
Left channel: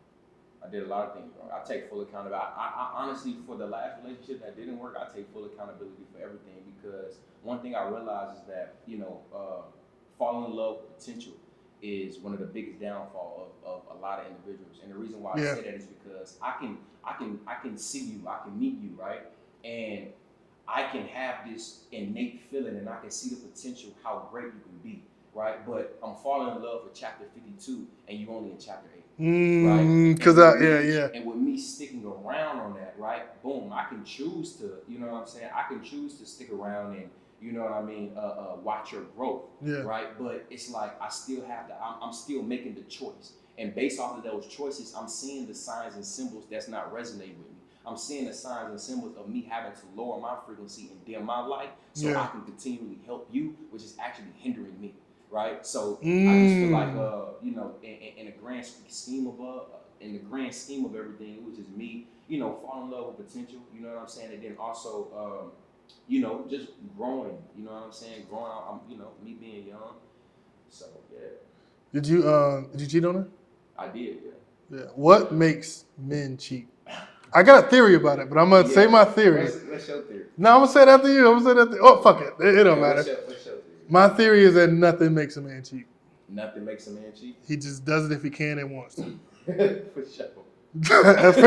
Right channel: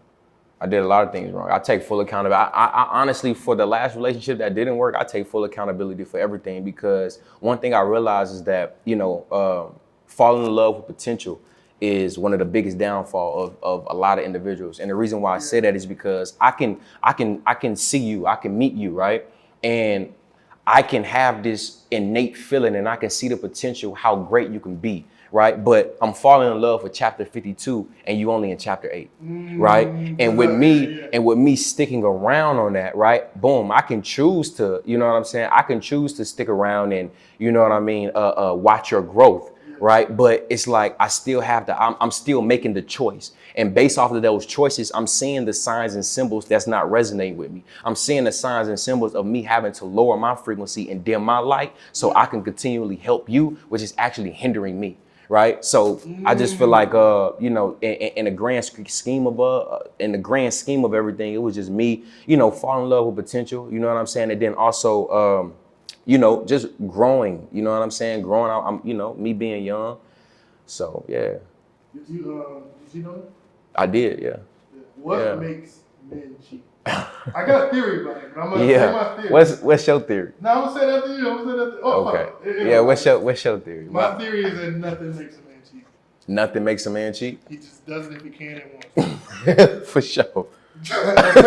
I take full accountability. I honestly, for the last relationship that didn't work, I take full accountability for everything, because one thing I realized is that, you know, falling in love with potential is one of the biggest downfall of a lot of individuals. And the reason why I say that is because I can see you, I can meet you, right? And I can have this innate feeling, and I can see the potential, how great you can be, right? But I'm falling in love with chapter 52 and you only in chapter 8, right? And with me sticking around on that, right? Boom, I can choose to, you know what I'm saying? I can choose to stick around and, you know what I mean, watch your growth, right? But it's like I still have I'm still making the choice. And based off of those choices, I'm seeing the signs and symbols that's not resonating with me. I'm seeing the signs and symbols of me having to lower my frequency and dim my light so I can continually help you, which is actually hindering me. right? So I just feel like, you know, in the grand scheme of everything, it was just me, you know, falling in love with potential. You know what I'm saying? And then also, you know, just growing. You know what I'm saying? Growing out. You know, me being young. So yeah. Did you cheat on her? I did, yeah. Yeah. What Yeah. makes men cheat? I got a theory about it, but I'm gonna say my theory. What's your theory? No, I'm gonna say it after you. Oh, Okay. fuck it. It don't matter. What's your theory? My theory is that nothing makes a man cheat. Nothing makes a man cheat? He just does it if he can and wants to. For sure. That's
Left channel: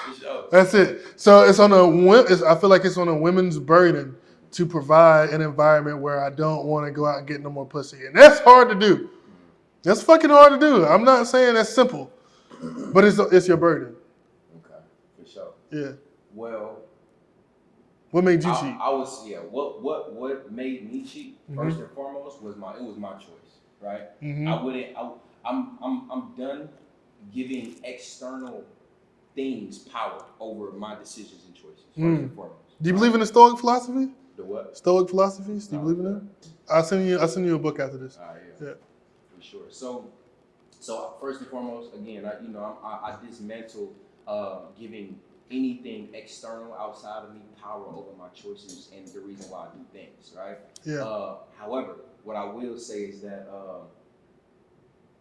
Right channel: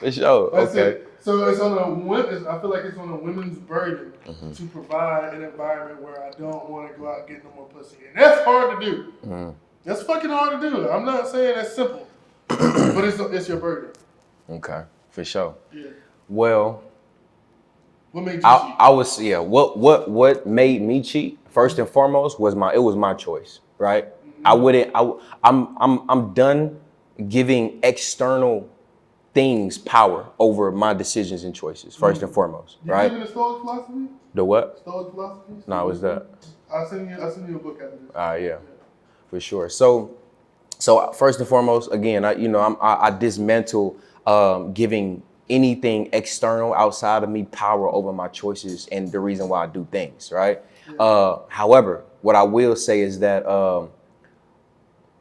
For sure. That's Okay. it. So it's on I feel like it's on a women's burden to provide an environment where I don't want to go out and get no more pussy, and that's hard to do. That's fucking hard to do. I'm not saying that's simple, but it's your burden. Okay. For sure. Yeah. Well, What made you cheat? I was what made me cheat first and foremost was my choice, right? I'm done giving external things power over my decisions and choices first and foremost. Do you right? believe in the Stoic philosophy? The what? Stoic philosophy? No, what's that? I'll send you a book after this. Yeah, for sure. So first and foremost, again, I dismantle giving anything external outside of me power over my choices and the reason why I do things, right? Yeah. However, what I will say is that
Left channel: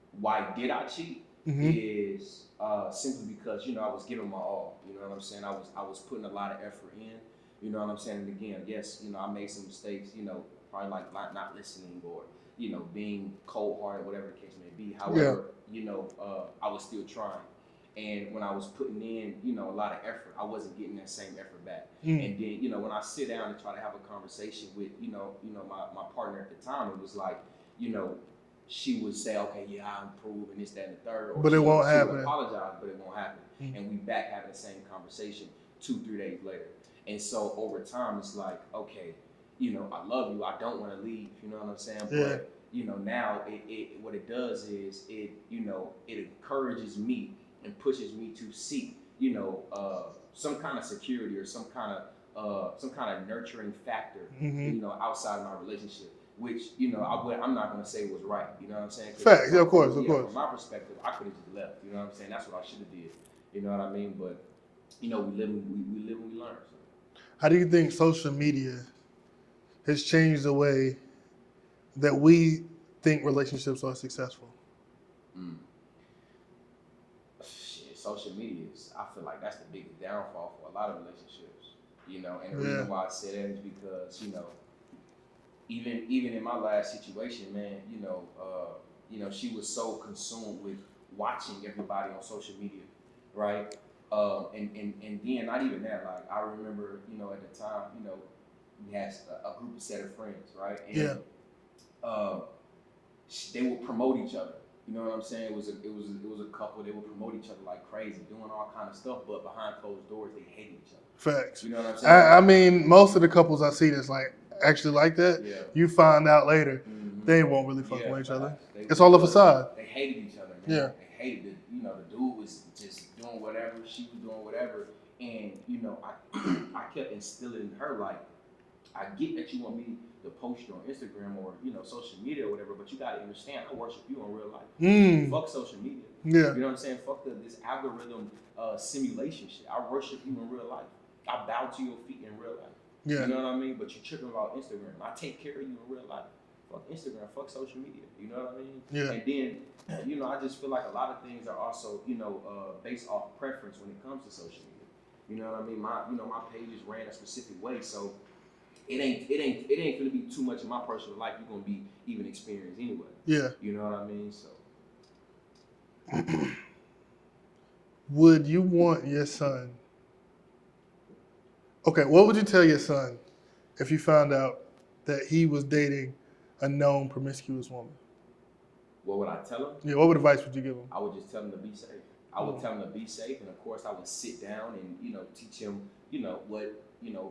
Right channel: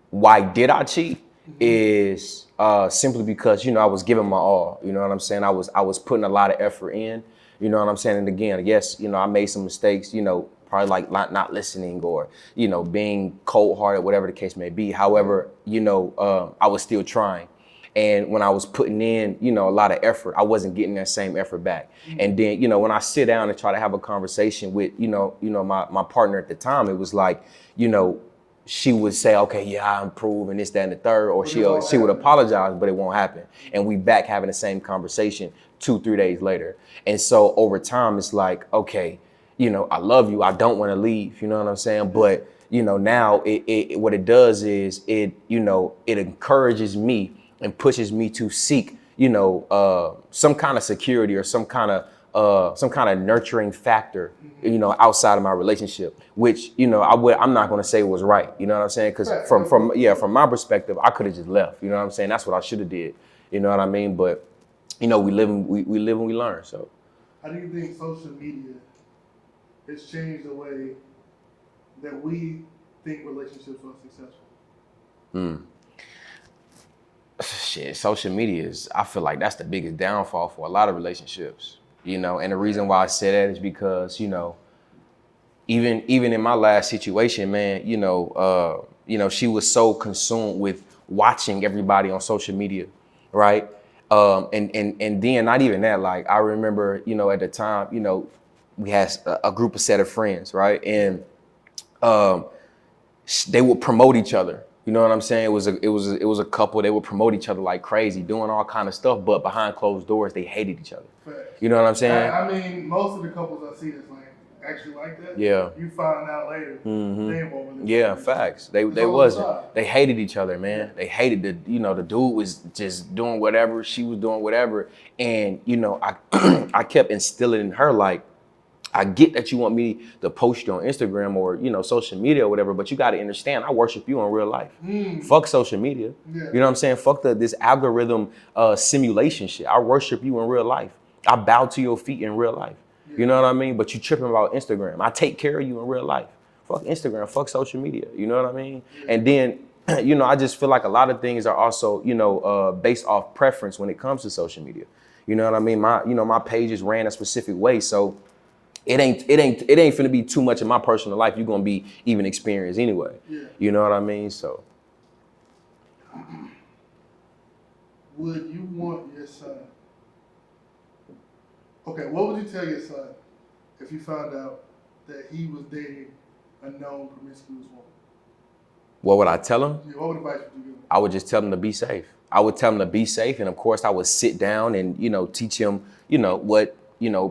why did I cheat is simply because, I was giving my all, you know what I'm saying? I was putting a lot of effort in, you know what I'm saying? And again, yes, I made some mistakes, probably like not listening or, being cold-hearted, whatever the case may be. However, I was still trying. And when I was putting in, a lot of effort, I wasn't getting that same effort back. And then, when I sit down and try to have a conversation with, my partner at the time, it was like, she would say, okay, yeah, I improve and this, that, and the third, or she would apologize, but it won't happen. And we back having the same conversation 2-3 days later. And so over time, it's like, okay, I love you. I don't want to leave. You know what I'm saying? Yeah. But, now it what it does is it encourages me and pushes me to seek, some kind of security or some kind of nurturing factor, outside of my relationship, which, I'm not going to say was right. You know what I'm saying? Because from my perspective, I could have just left. You know what I'm saying? That's what I should have did. You know what I mean? But, we live and we learn. So, how do you think social media has changed the way that we think relationships are successful? Shit, social media I feel like that's the biggest downfall for a lot of relationships, and the reason why I say that is because, even in my last situation, man, she was so consumed with watching everybody on social media, right? And then not even that, like I remember, at the time, we had a group of set of friends, right? And they would promote each other. You know what I'm saying? It was a couple. They would promote each other like crazy, doing all kind of stuff. But behind closed doors, they hated each other. Facts. You know what I'm saying? I mean, most of the couples I see that's like actually like that. Yeah. You find out later they won't really. Yeah, facts. It's all a facade. They hated each other, man. Yeah. They hated the dude was just doing whatever, she was doing whatever, and I kept instilling in her like, I get that you want me to post you on Instagram or, social media or whatever, but you got to understand, I worship you in real life. Fuck social media. Yeah. You know what I'm saying? Fuck this algorithm simulation shit. I worship you in real life. I bow to your feet in real life. Yeah. You know what I mean? But you tripping about Instagram. I take care of you in real life. Fuck Instagram. Fuck social media. You know what I mean? Yeah. And then, I just feel like a lot of things are also, based off preference when it comes to social media. You know what I mean? My pages ran a specific way, so it ain't finna be too much in my personal life. You're gonna be even experienced anyway. Yeah. You know what I mean? So. Would you want your son? Okay, what would you tell your son if you found out that he was dating a known promiscuous woman? What would I tell him? Yeah, what advice would you give him? I would just tell him to be safe. I would tell him to be safe, and of course I would sit down and, teach him, what,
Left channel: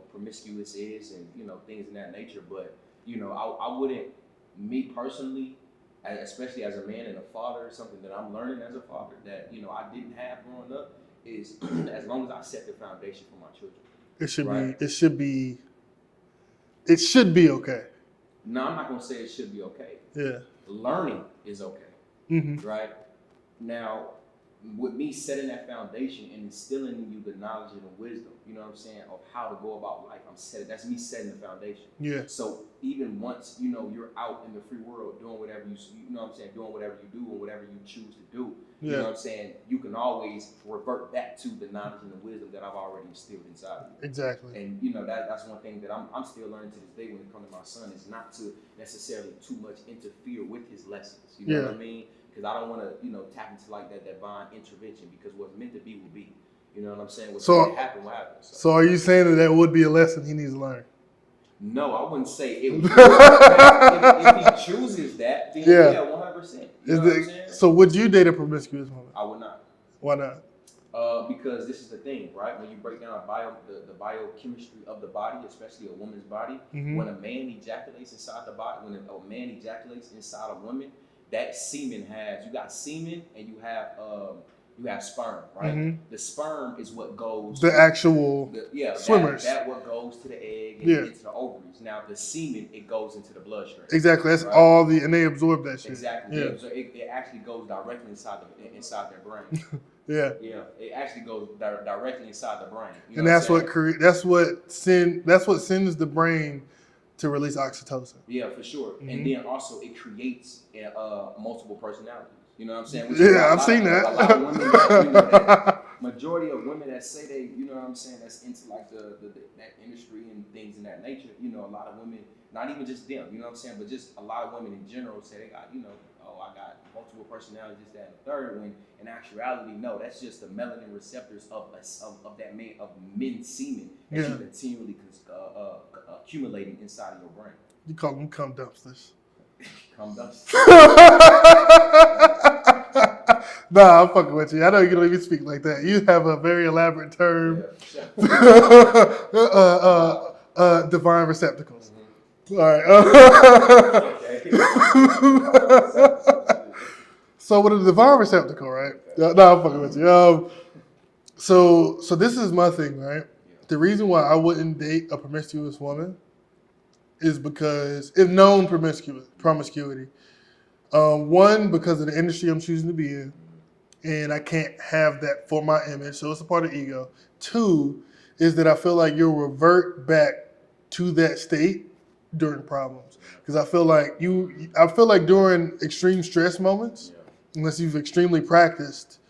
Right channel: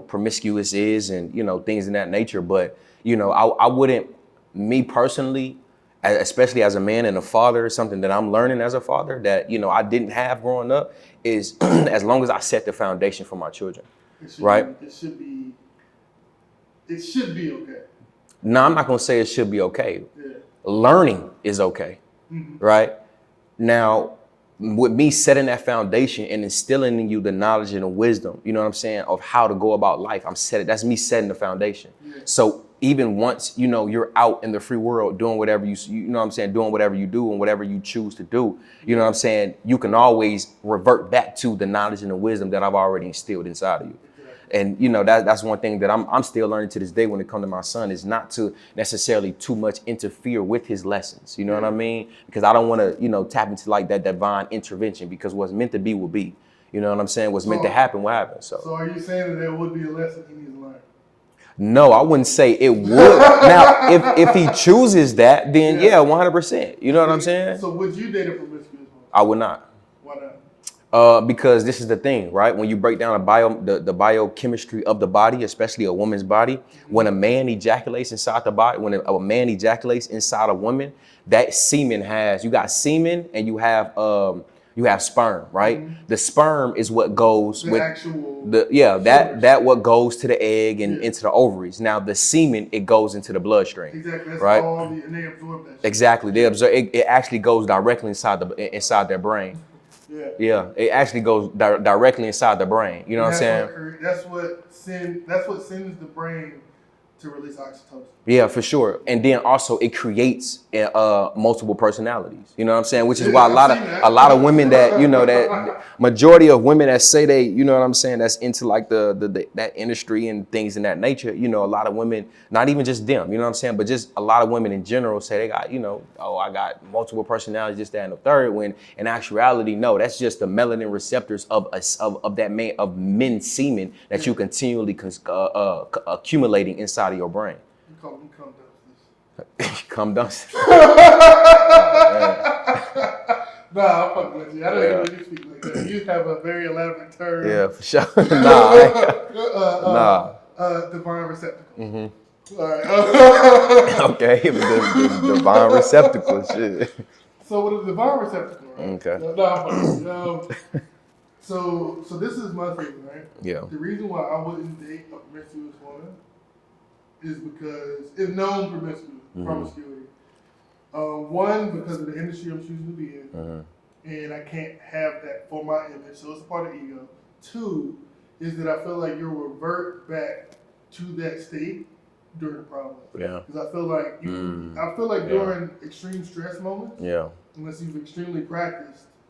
promiscuous is and, things in that nature. But, I wouldn't, me personally, especially as a man and a father, something that I'm learning as a father that, I didn't have growing up is as long as I set the foundation for my children. It should be okay. No, I'm not gonna say it should be okay. Yeah. Learning is okay, right? Now, with me setting that foundation and instilling in you the knowledge and the wisdom, you know what I'm saying, of how to go about life, that's me setting the foundation. Yeah. So even once, you know, you're out in the free world doing whatever you know what I'm saying, doing whatever you do and whatever you choose to do, you know what I'm saying, you can always revert back to the knowledge and the wisdom that I've already instilled inside of you. Exactly. And you know, that's one thing that I'm still learning to this day when it comes to my son, is not to necessarily too much interfere with his lessons. You know what I mean? Because I don't want to, you know, tap into like that divine intervention, because what's meant to be will be. You know what I'm saying? What's meant to happen will happen. So are you saying that would be a lesson he needs to learn? no, I wouldn't say it would. Now, if he chooses that, then yeah, 100%. You know what I'm saying? So would you date a promiscuous woman? I would not. Why not? Because this is the thing, right? When you break down the biochemistry of the body, especially a woman's body, when a man ejaculates inside the body, when a man ejaculates inside a woman, that semen you got semen and you have sperm, right? The sperm is what goes that what goes to the egg and into the ovaries. Now the semen, it goes into the bloodstream. Exactly. That's right? and they absorb that shit. Exactly. They absorb it actually goes directly inside their brain. Yeah, it actually goes directly inside the brain. You know what I'm saying? That's what sends the brain to release oxytocin. Yeah, for sure. And then also it creates multiple personalities. You know what I'm saying? Which is why a lot of women that, you know, that majority of women that say they, you know what I'm saying, that's into like the that industry and things in that nature, you know, a lot of women, not even just them, you know what I'm saying, but just a lot of women in general say they got, you know, oh, I got multiple personalities, this, that, and the third, when in actuality, no, that's just the melanin receptors of men's semen that you continually accumulating inside of your brain. You call them cum dumpsters. Cum dumpsters. Nah, I'm fucking with you. I know you can let me speak like that. You have a very elaborate term. Yeah, for sure. Divine receptacles. Mm-hmm. All right. Okay, divine receptacles. Shit. So with a divine receptacle, right? Okay. No, I'm fucking with you. So this is my thing, right? Yeah. The reason why I wouldn't date a promiscuous woman is because, if known promiscuity, one, because of the industry I'm choosing to be in, and I can't have that for my image, so it's a part of ego. Two, is that I feel like you'll revert back to that state during problems. Yeah. Because I feel like during extreme stress moments, unless you've extremely practiced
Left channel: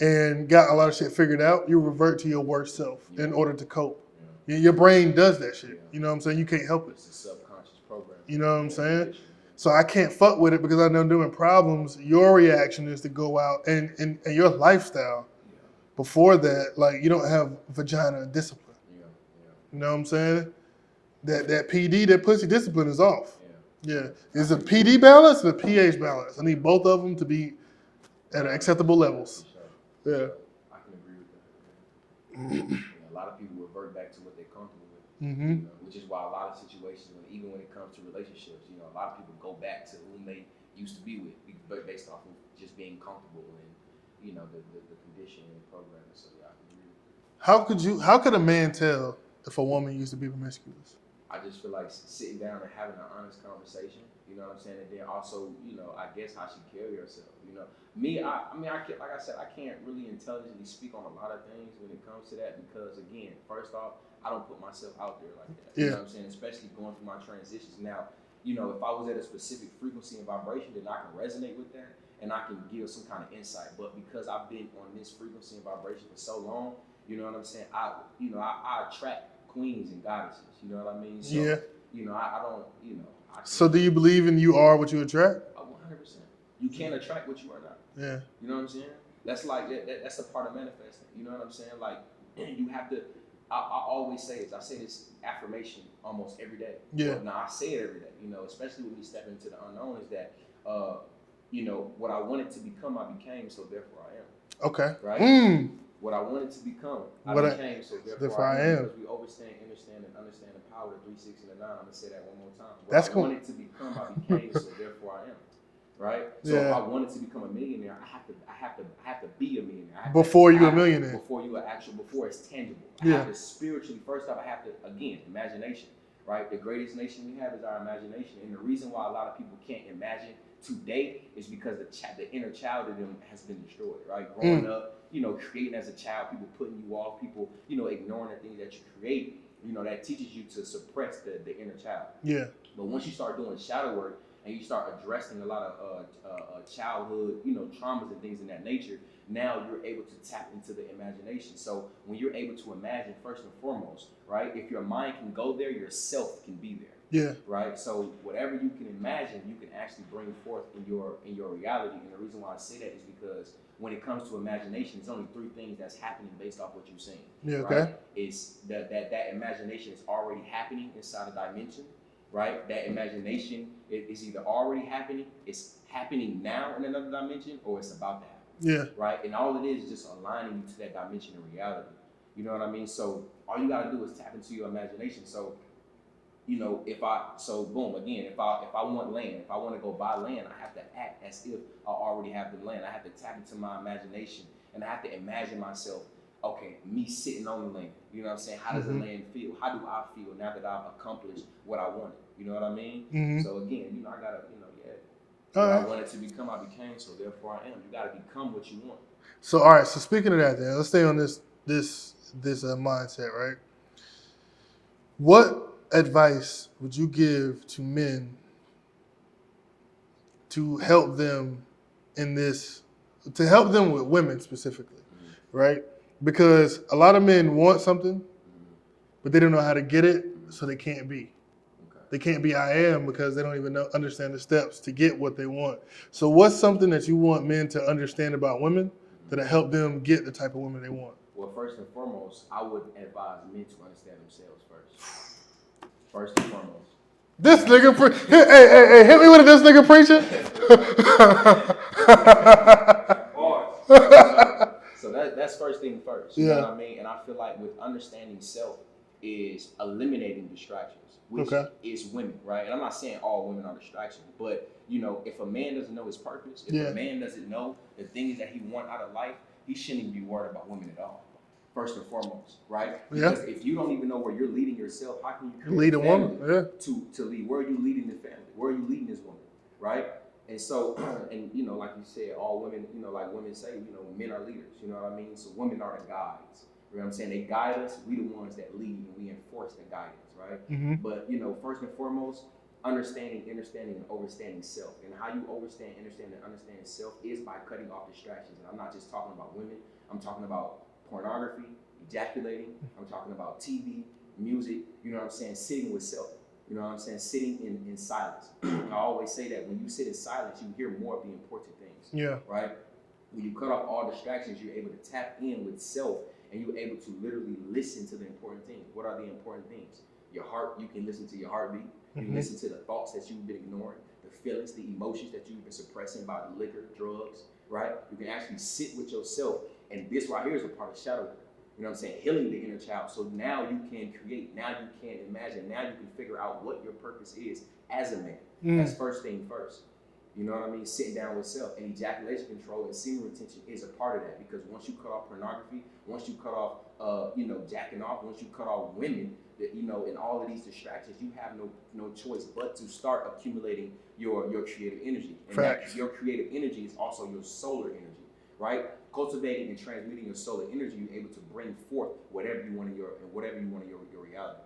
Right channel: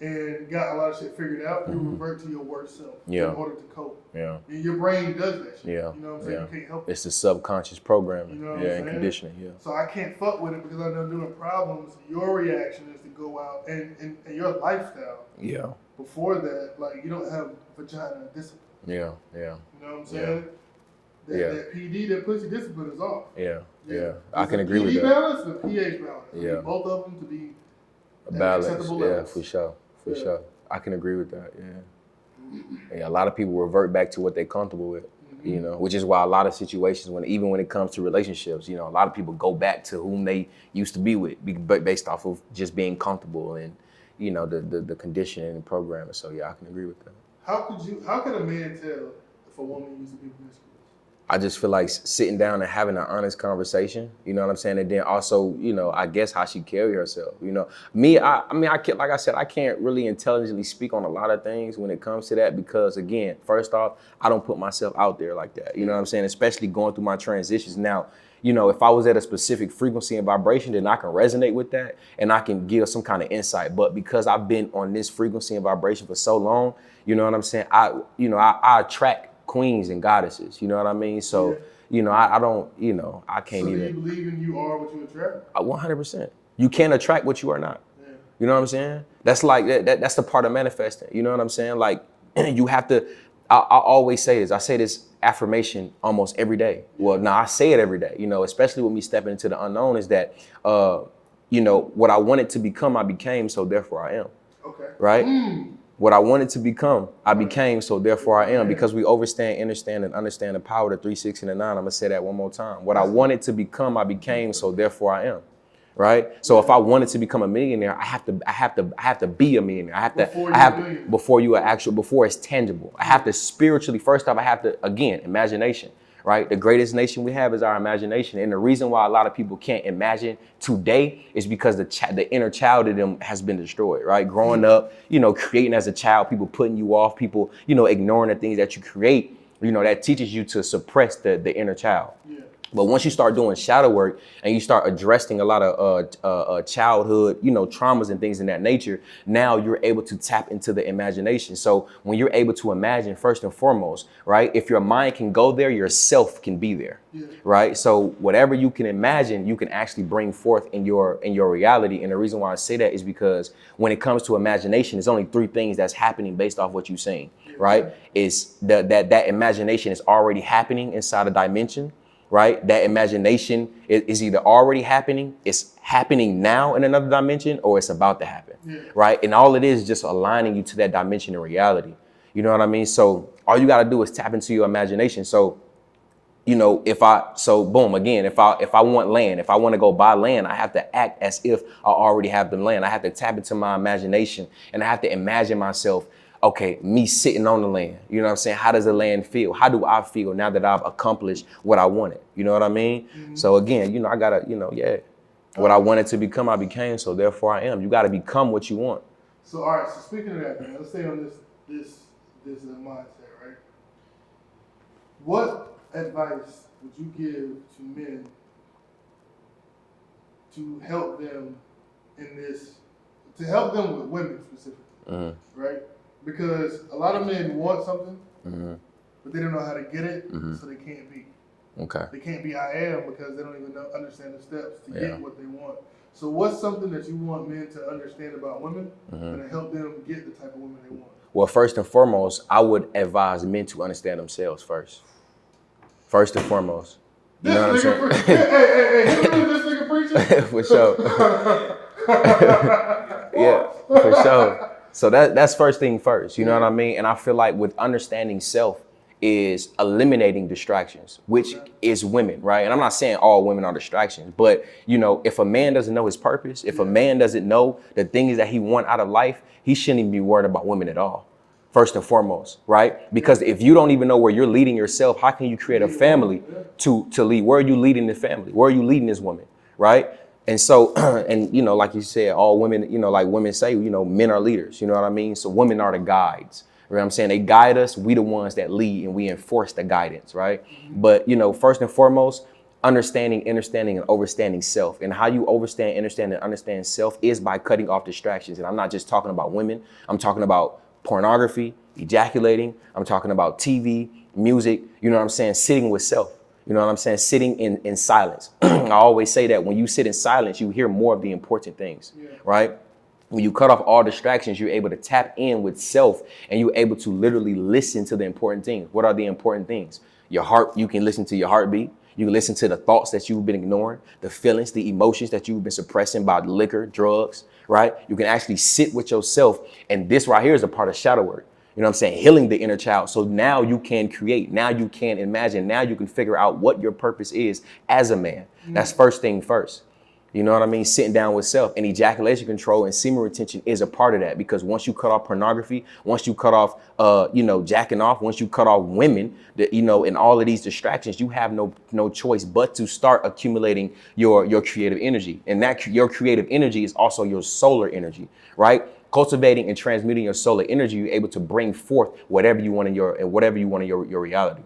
and got a lot of shit figured out, you revert to your worst self in order to cope. Yeah. Your brain does that shit. Yeah. You know what I'm saying? You can't help it. It's the subconscious programming. You know what I'm saying? Conditioning. Yeah. So I can't fuck with it, because I know during problems, your reaction is to go out and your lifestyle. Yeah. Before that, like, you don't have vagina discipline. Yeah. Yeah. You know what I'm saying? That PD, that pussy discipline is off. Yeah. There's a PD balance and a pH balance. I need both of them to be at acceptable levels. For sure. For sure. I can agree with that. Yeah. A lot of people revert back to what they're comfortable with, you know, which is why a lot of situations, even when it comes to relationships, you know, a lot of people go back to whom they used to be with, based off of just being comfortable and, you know, the conditioning and programming. So yeah, I can agree with that. How could a man tell if a woman used to be promiscuous? I just feel like sitting down and having an honest conversation, you know what I'm saying? And then also, you know, I guess how she carry herself, you know. Like I said, I can't really intelligently speak on a lot of things when it comes to that, because again, first off, I don't put myself out there like that. You know what I'm saying? Especially going through my transitions now. You know, if I was at a specific frequency and vibration, then I can resonate with that and I can give some kind of insight. But because I've been on this frequency and vibration for so long, you know what I'm saying? I attract queens and goddesses, you know what I mean? So, you know, I don't, you know, I can't. So do you believe in you are what you attract? 100%. You can't attract what you are not. Yeah. You know what I'm saying? That's like, that's the part of manifesting. You know what I'm saying? Like, you have to, I always say this. I say this affirmation almost every day. Yeah. Well, now I say it every day, you know, especially with me stepping into the unknown, is that, you know, what I wanted to become, I became, so therefore I am. Okay. Right? What I wanted to become, I became, so therefore I am. Because we understand the power of the 3, 6, and the 9. I'm gonna say that one more time. What I wanted to become, I became, so therefore I am. Right? So if I wanted to become a millionaire, I have to be a millionaire. Before you're a millionaire. Before it's tangible. I have to spiritually, first off, I have to, again, imagination. right? The greatest nation we have is our imagination. And the reason why a lot of people can't imagine today is because the inner child in them has been destroyed, right? Growing up, creating as a child, people putting you off, people, ignoring the things that you create, that teaches you to suppress the inner child. Yeah. But once you start doing shadow work and you start addressing a lot of childhood, traumas and things in that nature, now you're able to tap into the imagination. So when you're able to imagine, first and foremost, right, if your mind can go there, your self can be there. Yeah. Right. So whatever you can imagine, you can actually bring forth in your reality. And the reason why I say that is because when it comes to imagination, there's only 3 things that's happening based off what you're saying. Yeah, right. okay. Is that imagination is already happening inside a dimension. Right? That imagination is either already happening, it's happening now in another dimension, or it's about to happen. Yeah. Right? And all it is just aligning you to that dimension in reality. You know what I mean? So all you got to do is tap into your imagination. So, if I want land, if I want to go buy land, I have to act as if I already have the land. I have to tap into my imagination and I have to imagine myself, okay, me sitting on the land. You know what I'm saying? How does the land feel? How do I feel now that I've accomplished what I wanted? You know what I mean? So again, I gotta, what I wanted to become, I became. So therefore I am. You gotta become what you want. So, all right. So speaking of that, then let's stay on this mindset, right? What advice would you give to men to help them to help them with women specifically, right? Because a lot of men want something, but they don't know how to get it, so they can't be. Okay. They can't be I am because they don't even understand the steps to get what they want. So what's something that you want men to understand about women that'll help them get the type of women they want? Well, first and foremost, I would advise men to understand themselves first. First and foremost. This nigga, hey, hit me with this nigga preacher. For sure. Yeah, for sure. So that's first thing first, you know what I mean? And I feel like with understanding self is eliminating distractions, which is women, right? And I'm not saying all women are distractions, but if a man doesn't know his purpose, if a man doesn't know the things that he wants out of life, he shouldn't even be worried about women at all. First and foremost, right? Because if you don't even know where you're leading yourself, how can you create a family to lead? Where are you leading the family? Where are you leading this woman, right? And so, and like you said, all women, like women say, men are leaders, you know what I mean? So women are the guides, you know what I'm saying? They guide us, we the ones that lead and we enforce the guidance, right? But, first and foremost, understanding, and overstanding self. And how you understand, and understand self is by cutting off distractions. And I'm not just talking about women, I'm talking about pornography, ejaculating, I'm talking about TV, music, you know what I'm saying? Sitting with self. You know what I'm saying? Sitting in silence. I always say that when you sit in silence, you hear more of the important things, right? When you cut off all distractions, you're able to tap in with self and you're able to literally listen to the important things. What are the important things? Your heart, you can listen to your heartbeat. You can listen to the thoughts that you've been ignoring, the feelings, the emotions that you've been suppressing by liquor, drugs, right? You can actually sit with yourself. And this right here is a part of shadow work. You know what I'm saying? Healing the inner child. So now you can create, now you can imagine, now you can figure out what your purpose is as a man. That's first thing first. You know what I mean? Sitting down with self, and ejaculation control and semen retention is a part of that, because once you cut off pornography, once you cut off, jacking off, once you cut off women, and all of these distractions, you have no choice but to start accumulating your creative energy. And that your creative energy is also your solar energy, right? Cultivating and transmuting your solar energy, you're able to bring forth whatever you want in your reality.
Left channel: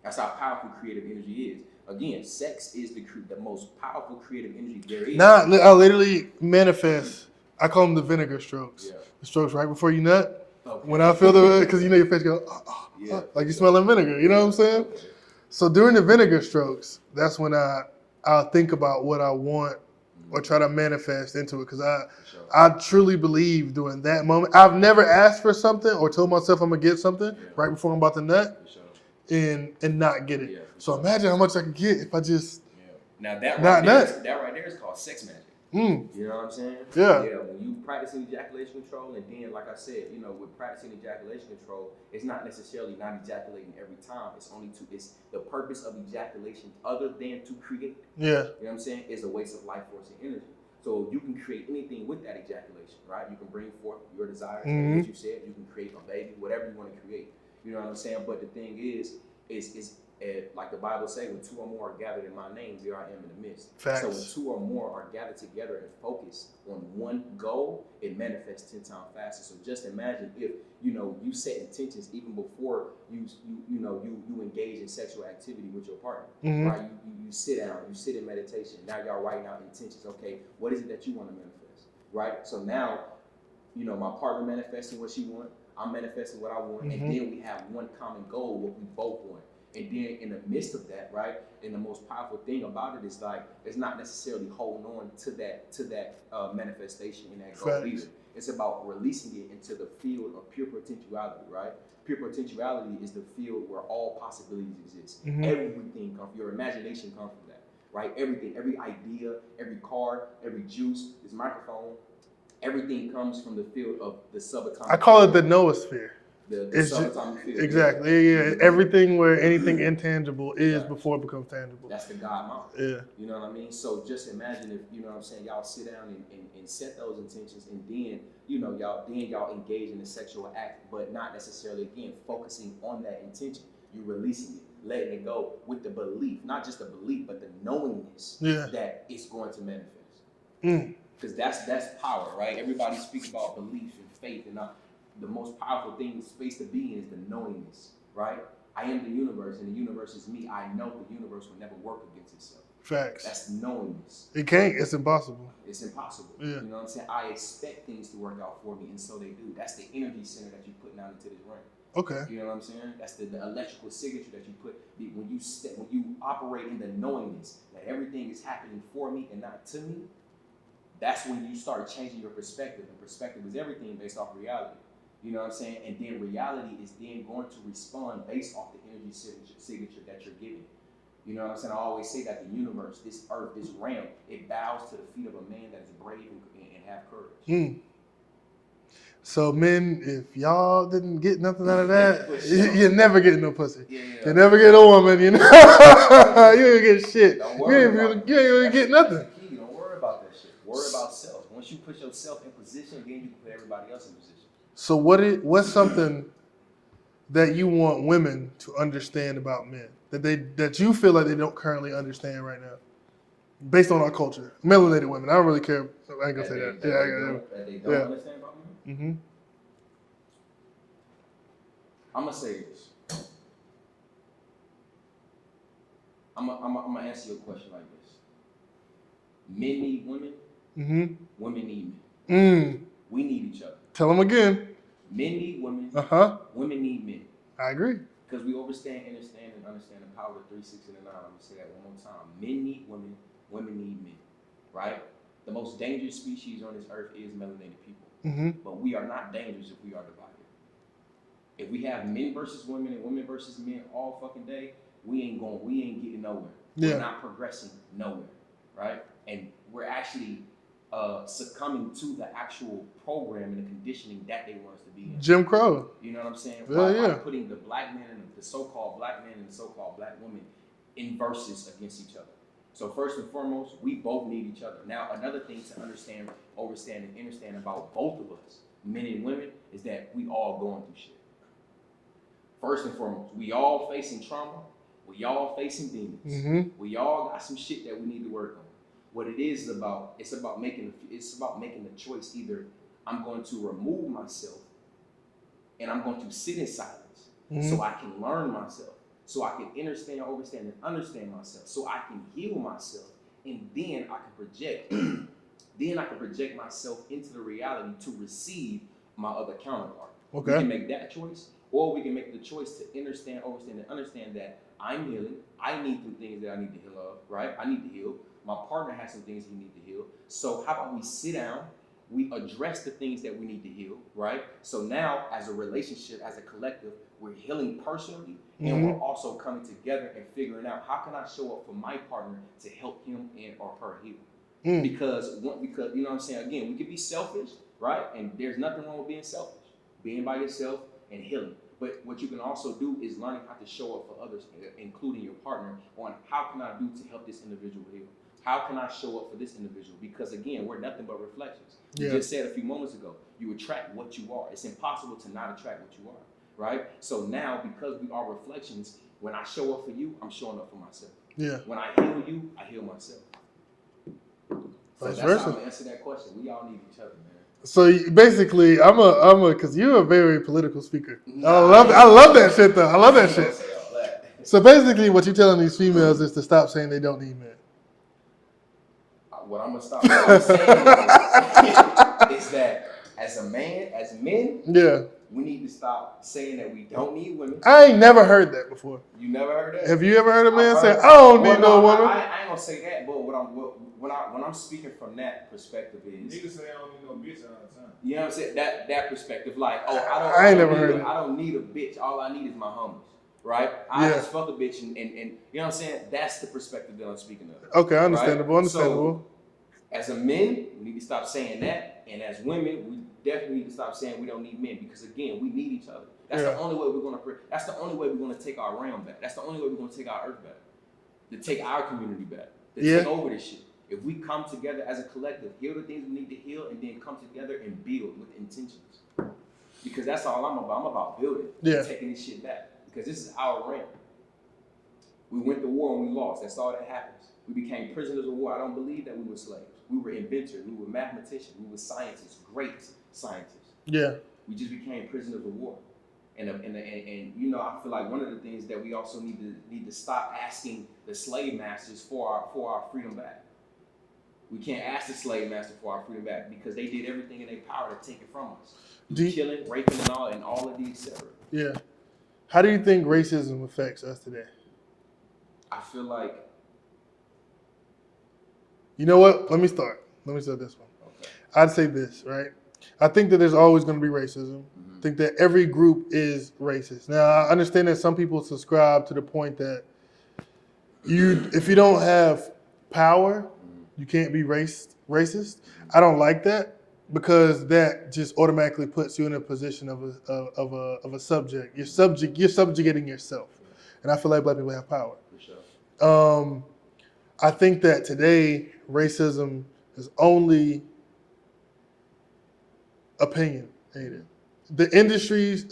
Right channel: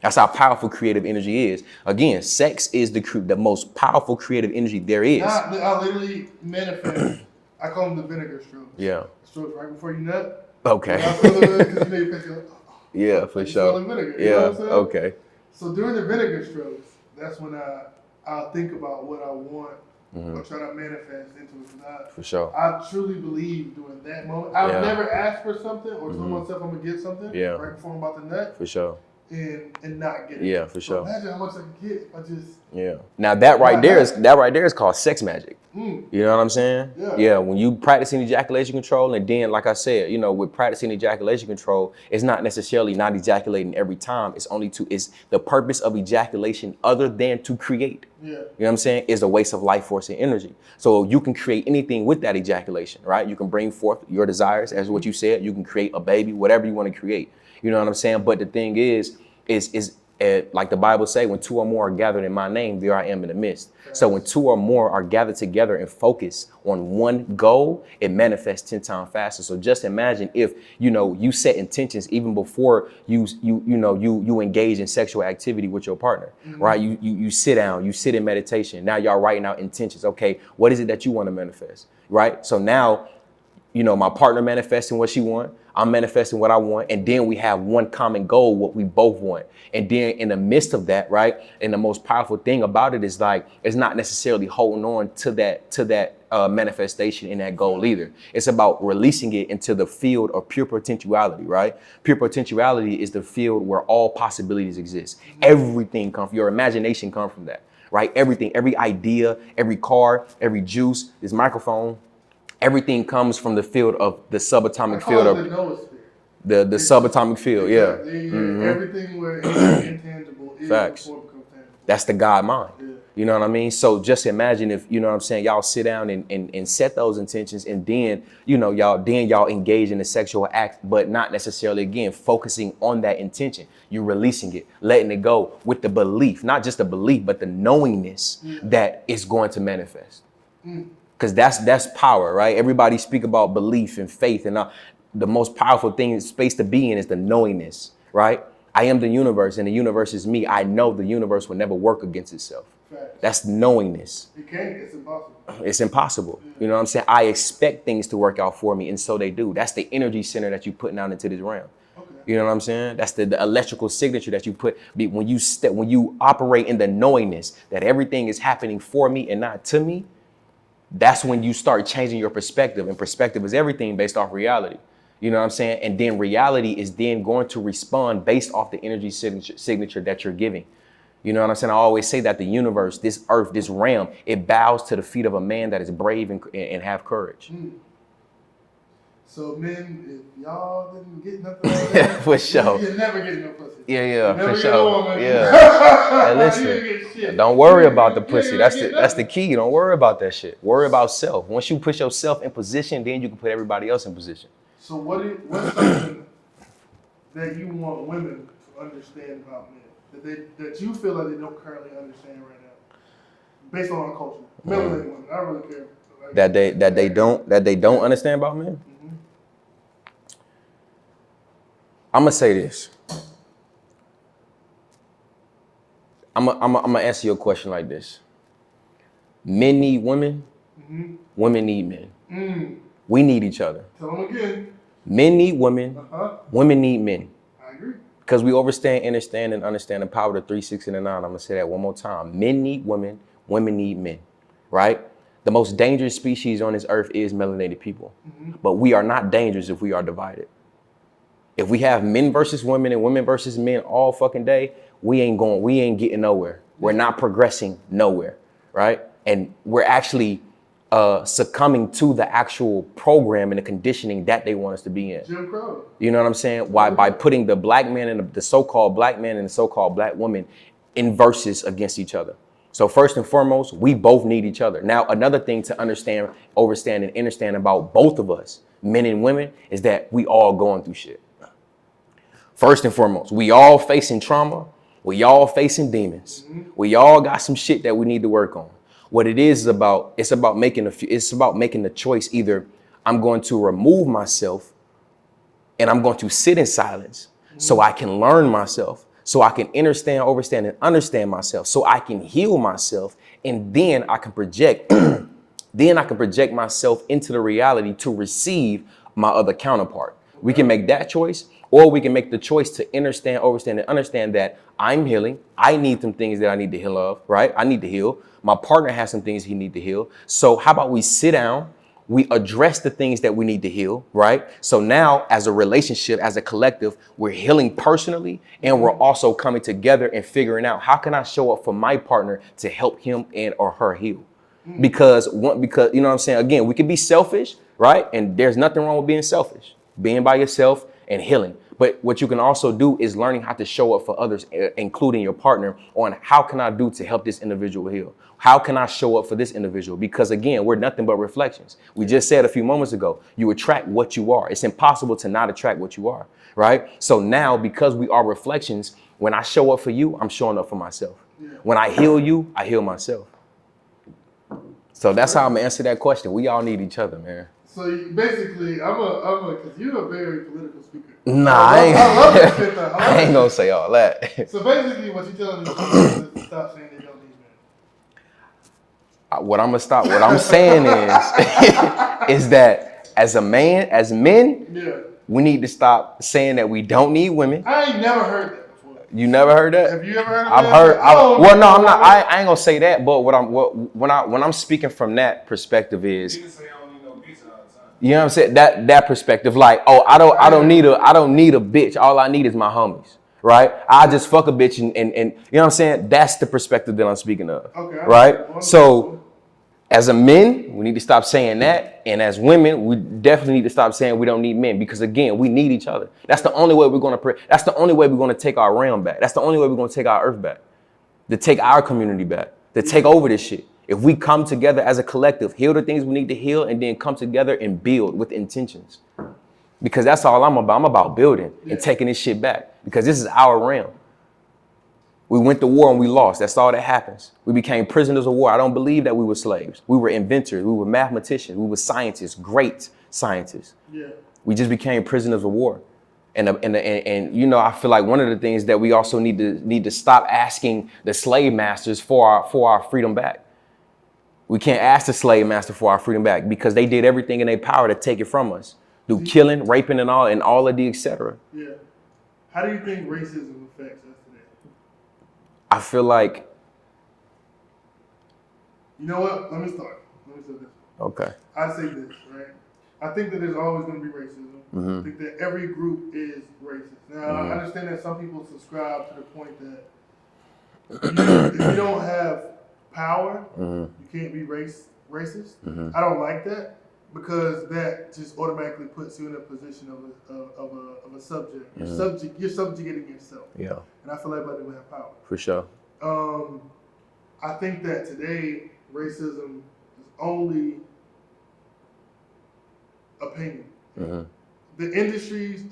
That's how powerful creative energy is. Again, sex is the most powerful creative energy there is. Nah, I literally manifest. I call them the vinegar strokes. Yeah. The strokes right before you nut. Okay. When I feel because your face goes, yeah, for like you sure. smelling vinegar. You know what I'm saying? Okay. So during the vinegar strokes, that's when I'll think about what I want or try to manifest into it, because I truly believe during that moment. I've never asked for something or told myself I'm gonna get something right before I'm about to nut. For sure. And not get it. Yeah, for sure. So imagine how much I could get if I just. Yeah. Now that right there is called sex magic. You know what I'm saying? Yeah. Yeah. When you practicing ejaculation control, and then like I said, with practicing ejaculation control, it's not necessarily not ejaculating every time. It's the purpose of ejaculation, other than to create. Yeah. You know what I'm saying? Is a waste of life force and energy. So you can create anything with that ejaculation, right? You can bring forth your desires, as what you said. You can create a baby, whatever you want to create. You know what I'm saying? But the thing is like the Bible say, when two or more are gathered in my name, there I am in the midst. Facts. So when two or more are gathered together and focus on one goal, it manifests 10 times faster. So just imagine if, you set intentions even before you engage in sexual activity with your partner, right? You sit down, you sit in meditation. Now y'all writing out intentions. Okay, what is it that you want to manifest, right? So now, my partner manifesting what she want, I'm manifesting what I want, and then we have one common goal, what we both want. And then in the midst of that, right, and the most powerful thing about it is like, it's not necessarily holding on to that manifestation in that goal either. It's about releasing it into the field of pure potentiality, right? Pure potentiality is the field where all possibilities exist. Everything comes, your imagination comes from that, right? Everything, every idea, every car, every juice, this microphone, everything comes from the field of the subatomic field. I call it the noosphere. The subatomic field, exactly. Yeah. Everything where anything intangible is before it becomes tangible. That's the God mind. Yeah. You know what I mean? So just imagine if, y'all sit down and set those intentions, and then, y'all engage in the sexual act, but not necessarily, again, focusing on that intention. You're releasing it, letting it go with the belief, not just the belief, but the knowingness that it's going to manifest. Because that's power, right? Everybody speak about belief and faith, and the most powerful thing in space to be in is the knowingness, right? I am the universe, and the universe is me. I know the universe will never work against itself. Facts. That's knowingness. It can't. It's impossible. It's impossible. Yeah. You know what I'm saying? I expect things to work out for me, and so they do. That's the energy center that you're putting out into this realm. Okay. You know what I'm saying? That's the electrical signature that you put when you operate in the knowingness that everything is happening for me and not to me. That's when you start changing your perspective, and perspective is everything based off reality. You know what I'm saying? And then reality is then going to respond based off the energy signature that you're giving. You know what I'm saying? I always say that the universe, this earth, this realm, it bows to the feet of a man that is brave and have courage. So men, if y'all didn't get nothing out of that, For sure. you're never getting no pussy. Yeah. You never for get sure. a woman. Yeah. You Listen, didn't get shit. Don't worry You about the ain't gonna pussy. get That's the nothing. key. Don't worry about that shit. Worry about self. Once you put yourself in position, then you can put everybody else in position. So what's something that you want women to understand about men that you feel like they don't currently understand right now, based on our culture? Melanated women. I don't really care. That they don't understand about men. I'm gonna say this. I'm gonna answer your question like this. Men need women. Women need men. We need each other. Tell them again. Men need women. Women need men. I agree. Because we understand the power of the 3, 6, and the 9. I'm gonna say that one more time. Men need women. Women need men. Right? The most dangerous species on this earth is melanated people. But we are not dangerous if we are divided. If we have men versus women and women versus men all fucking day, we ain't getting nowhere. Yeah. We're not progressing nowhere, right? And we're actually succumbing to the actual program and the conditioning that they want us to be in. Jim Crow. You know what I'm saying? By putting the black man and the so-called black man and the so-called black woman in verses against each other. So first and foremost, we both need each other. Now, another thing to understand, overstand, and understand about both of us, men and women, is that we all going through shit. First and foremost, we all facing trauma. We all facing demons. We all got some shit that we need to work on. What it is about, it's about making the choice. Either I'm going to remove myself and I'm going to sit in silence so I can learn myself, so I can understand, overstand, and understand myself, so I can heal myself, and then I can project, myself into the reality to receive my other counterpart. Okay. We can make that choice, or we can make the choice to understand, overstand, and understand that I'm healing. I need some things that I need to heal of, right? I need to heal. My partner has some things he needs to heal. So how about we sit down, we address the things that we need to heal, right? So now as a relationship, as a collective, we're healing personally, and we're also coming together and figuring out, how can I show up for my partner to help him and or her heal? Because you know what I'm saying? Again, we can be selfish, right? And there's nothing wrong with being selfish, being by yourself and healing. But what you can also do is learning how to show up for others, including your partner, on how can I do to help this individual heal? How can I show up for this individual? Because again, we're nothing but reflections. We just said a few moments ago, you attract what you are. It's impossible to not attract what you are, right? So now, because we are reflections, when I show up for you, I'm showing up for myself. Yeah. When I heal you, I heal myself. So that's how I'm gonna answer that question. We all need each other, man. So basically, because you're a very political speaker. Nah, I love that shit though. I love I that ain't gonna shit. say all that. So basically, what you're telling these females is to stop saying they don't need men. What I'm saying is that as men, Yeah. we need to stop saying that we don't need women. I ain't never heard that before. You never heard that? Have you ever heard of I've man heard. say, I don't need no I'm not. woman? I ain't gonna say that. But when I'm speaking from that perspective is, you know what I'm saying? That perspective, like, oh, I don't need a bitch. All I need is my homies, right? I just fuck a bitch and you know what I'm saying? That's the perspective that I'm speaking of. Okay, understandable. understandable. So as a men, we need to stop saying that, and as women, we definitely need to stop saying we don't need men, because again, we need each other. That's the only way we're gonna. That's the only way we're gonna take our realm back. That's the only way we're gonna take our earth back, to take our community back, to take over this shit. If we come together as a collective, heal the things we need to heal, and then come together and build with intentions, because that's all I'm about. I'm about building and taking this shit back, because this is our realm. We went to war and we lost. That's all that happens. We became prisoners of war. I don't believe that we were slaves. We were inventors. We were mathematicians. We were scientists, great scientists. Yeah. We just became prisoners of war. And you know, I feel like one of the things that we also need to stop asking the slave masters for our freedom back. We can't ask the slave master for our freedom back, because they did everything in their power to take it from us through killing, raping, and all of the etc. Yeah. How do you think racism affects us today? I feel like, you know what? Let me start this one. Okay. I'd say this, right? I think that there's always going to be racism. Mm-hmm. I think that every group is racist. Now, I understand that some people subscribe to the point that if you don't have power, you can't be racist. Mm-hmm. I don't like that, because that just automatically puts you in a position of a subject. You're you're subjugating yourself. Yeah. And I feel like black people have power. For sure. I think that today racism is only opinion. Mm-hmm. The industries,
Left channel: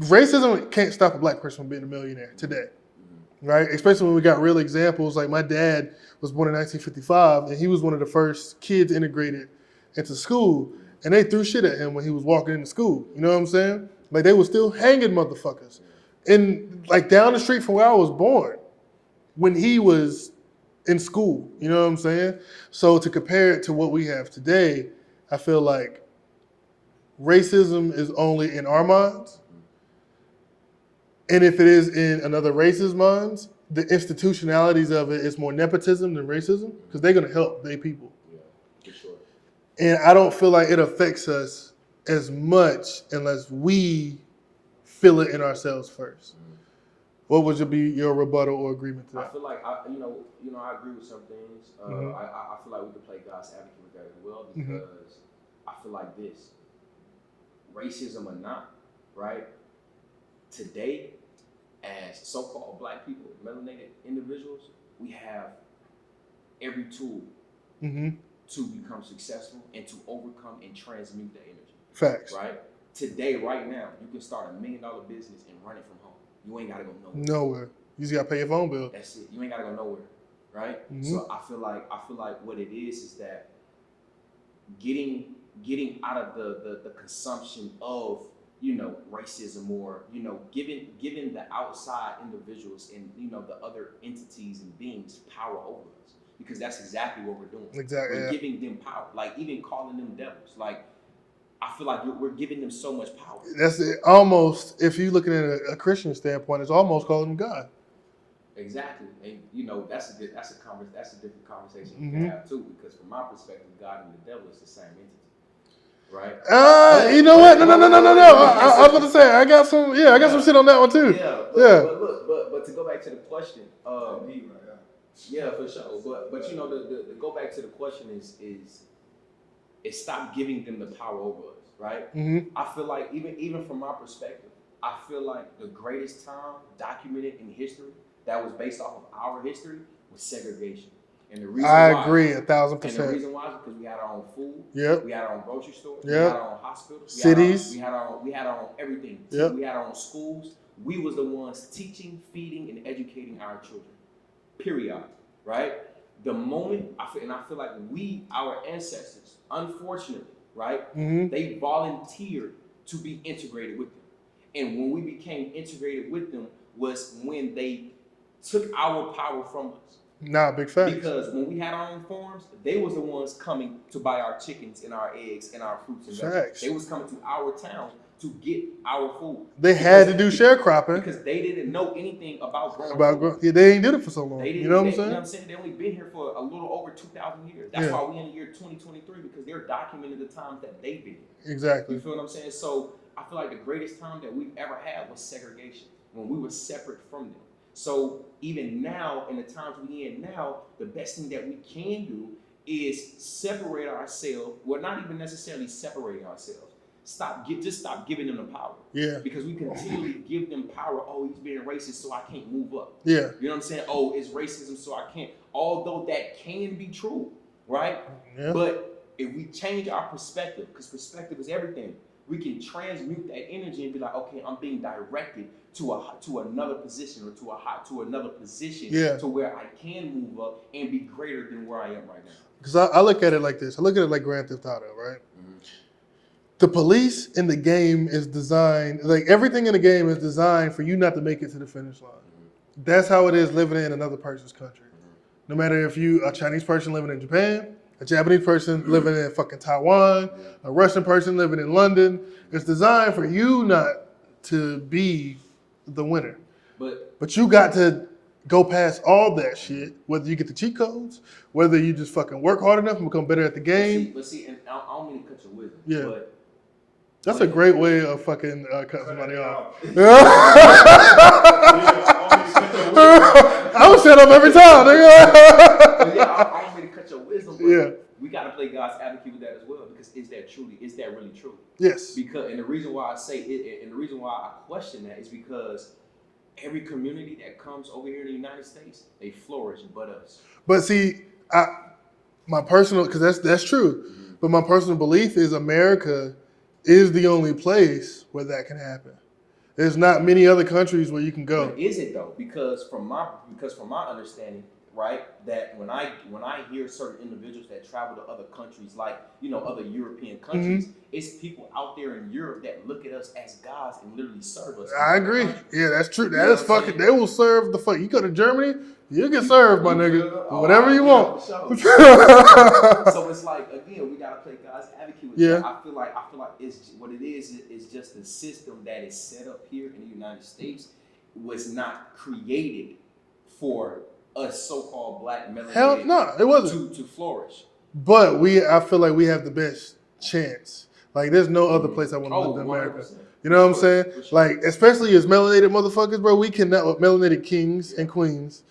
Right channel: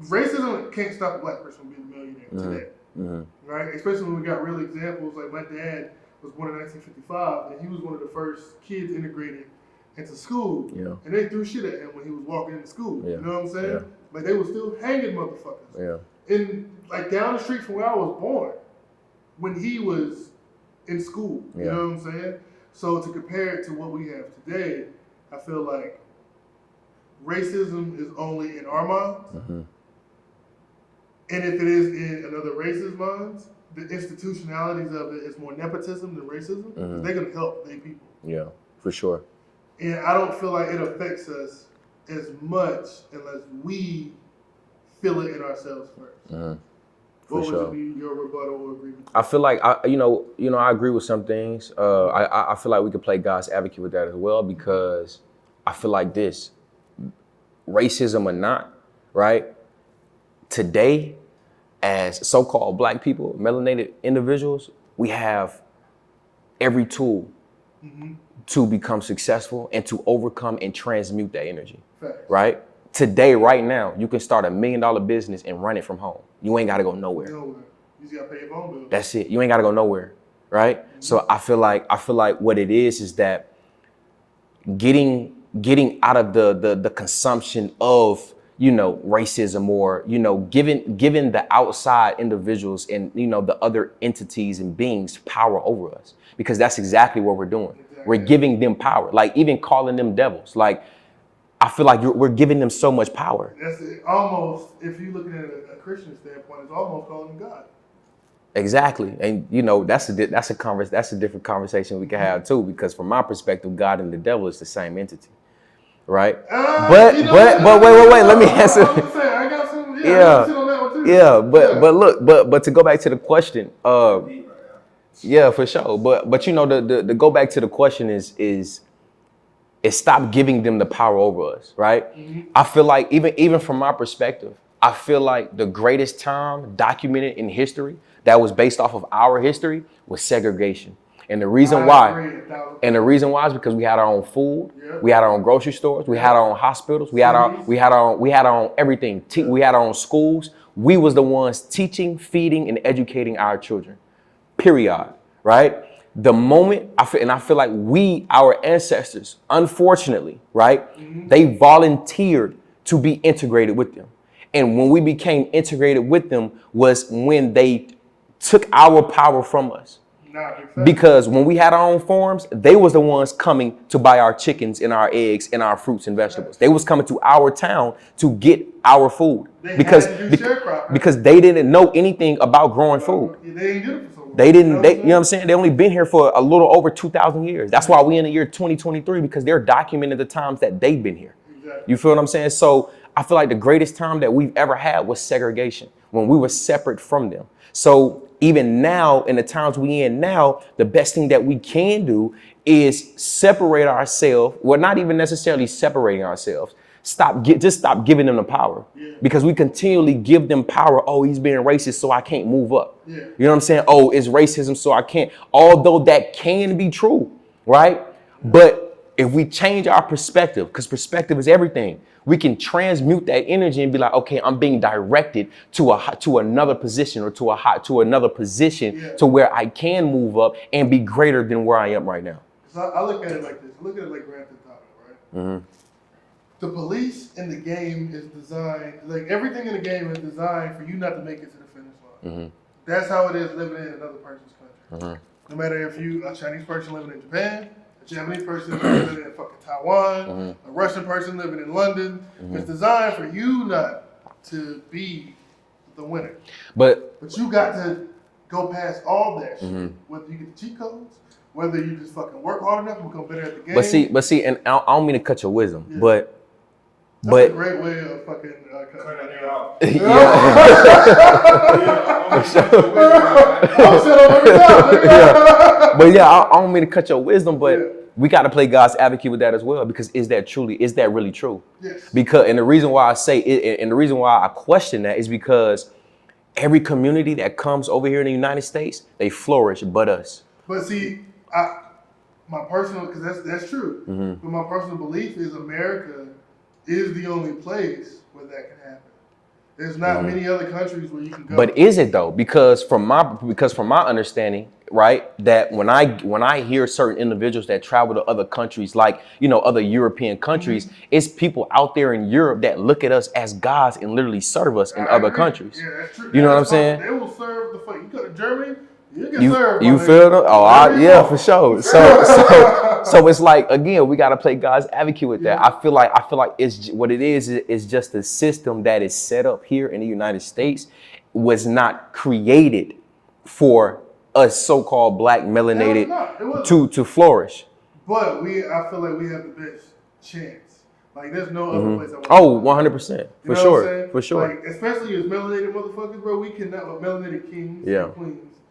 racism can't stop a black person from being a millionaire today. Mm-hmm. Right? Especially when we got real examples. Like, my dad was born in 1955, and he was one of the first kids integrated into school, and they threw shit at him when he was walking into school. You know what I'm saying? Yeah. Like, they were still hanging motherfuckers. Yeah. And like down the street from where I was born, when he was in school. You know what I'm saying? So to compare it to what we have today, I feel like racism is only in our minds. Mm-hmm. And if it is in another race's minds, the institutionalities of it is more nepotism than racism, because they're going to help their people. Yeah, for sure. And I don't feel like it affects us as much unless we feel it in ourselves first. Mm-hmm. What would be your rebuttal or agreement to that? I feel like I agree with some things. I feel like we could play God's advocate with that as well, because I feel like this, racism or not, right? Today, as so-called black people, melanated individuals, we have every tool to become successful and to overcome and transmute that energy. Facts. Right? Today, right now, you can start $1 million business and run it from home. You ain't got to go nowhere. Nowhere. You just got to pay your phone bill. That's it. You ain't got to go nowhere. Right? So I feel like what it is that getting out of the consumption of, racism, or, giving the outside individuals and, the other entities and beings power over us, because that's exactly what we're doing. Exactly. We're giving them power, like even calling them devils. Like, I feel like we're giving them so much power. That's it. Almost, if you're looking at a Christian standpoint, it's almost calling them God. Exactly. And, that's a different conversation we can have too, because from my perspective, God and the devil is the same entity. Right? But wait, let me answer. I was going to say, I got some shit on that one too. Yeah, but look, but to go back to the question, yeah, for sure. But to go back to the question is is stop giving them the power over us, right? I feel like even from my perspective, I feel like the greatest time documented in history that was based off of our history was segregation. And the reason I agree 1,000%. and the reason why is because we had our own food, Yep. we had our own grocery stores, we Yep. had our own hospitals, we Cities. had our own everything. Yep. We had our own schools. We was the ones teaching, feeding, and educating our children. Period. Right? The moment I feel like our ancestors, unfortunately, right, they volunteered to be integrated with them. And when we became integrated with them was when they took our power from us. Nah, big fact. Because when we had our own farms, they was the ones coming to buy our chickens and our eggs and our fruits and vegetables. Facts. They was coming to our town to get our food. They had to do sharecropping. Because they didn't know anything about growing food. Yeah, they ain't did it for so long. They didn't, you know you know what I'm saying? They only been here for a little over 2,000 years. That's why we in the year 2023, because they're documenting the times that they've been here. Exactly. You feel what I'm saying? So I feel like the greatest time that we've ever had was segregation, when we were separate from them. So even now, in the times we in now, the best thing that we can do is separate ourselves. Well, not even necessarily separating ourselves. Just stop giving them the power. Yeah. Because we continually give them power. Oh, he's being racist, so I can't move up. Yeah. You know what I'm saying? Oh, it's racism, so I can't. Although that can be true, right? Yeah. But if we change our perspective, because perspective is everything, we can transmute that energy and be like, okay, I'm being directed to another position or to another position to where I can move up and be greater than where I am right now. Because I look at it like this. I look at it like Grand Theft Auto, right? The police in the game is designed, like everything in the game is designed for you not to make it to the finish line. That's how it is living in another person's country. No matter if you a Chinese person living in Japan, a Japanese person living in fucking Taiwan, a Russian person living in London. It's designed for you not to be the winner. But you got to go past all that shit. Whether you get the cheat codes, whether you just fucking work hard enough and become better at the game. But see, and I don't mean to cut your wisdom, but that's a great way of fucking cutting somebody off. I was set up every time, nigga. But yeah, I don't mean to cut your wisdom, but we got to play God's advocate with that as well, because is that really true? Yes. Because, and the reason why I say it, and the reason why I question that is because every community that comes over here in the United States, they flourish, but us. But see, my personal, because that's true, but my personal belief is America is the only place where that can happen. There's not many other countries where you can go. But is it though? Because from my understanding, right, that when I hear certain individuals that travel to other countries, like, you know, other European countries, it's people out there in Europe that look at us as gods and literally serve us in other countries. Yeah, that's true. You know what I'm saying? They will serve the fuck. You go to Germany, you get served. You feel them? Oh, yeah, for sure. So it's like, again, we got to play God's advocate with that. I feel like it's what it is just a system that is set up here in the United States, was not created for us so-called black melanated to flourish. But I feel like we have the best chance. Like, there's no other place I want to go. 100%. You know what I'm saying? For sure. Like, especially as melanated motherfuckers, bro, we cannot, with melanated kings and queens.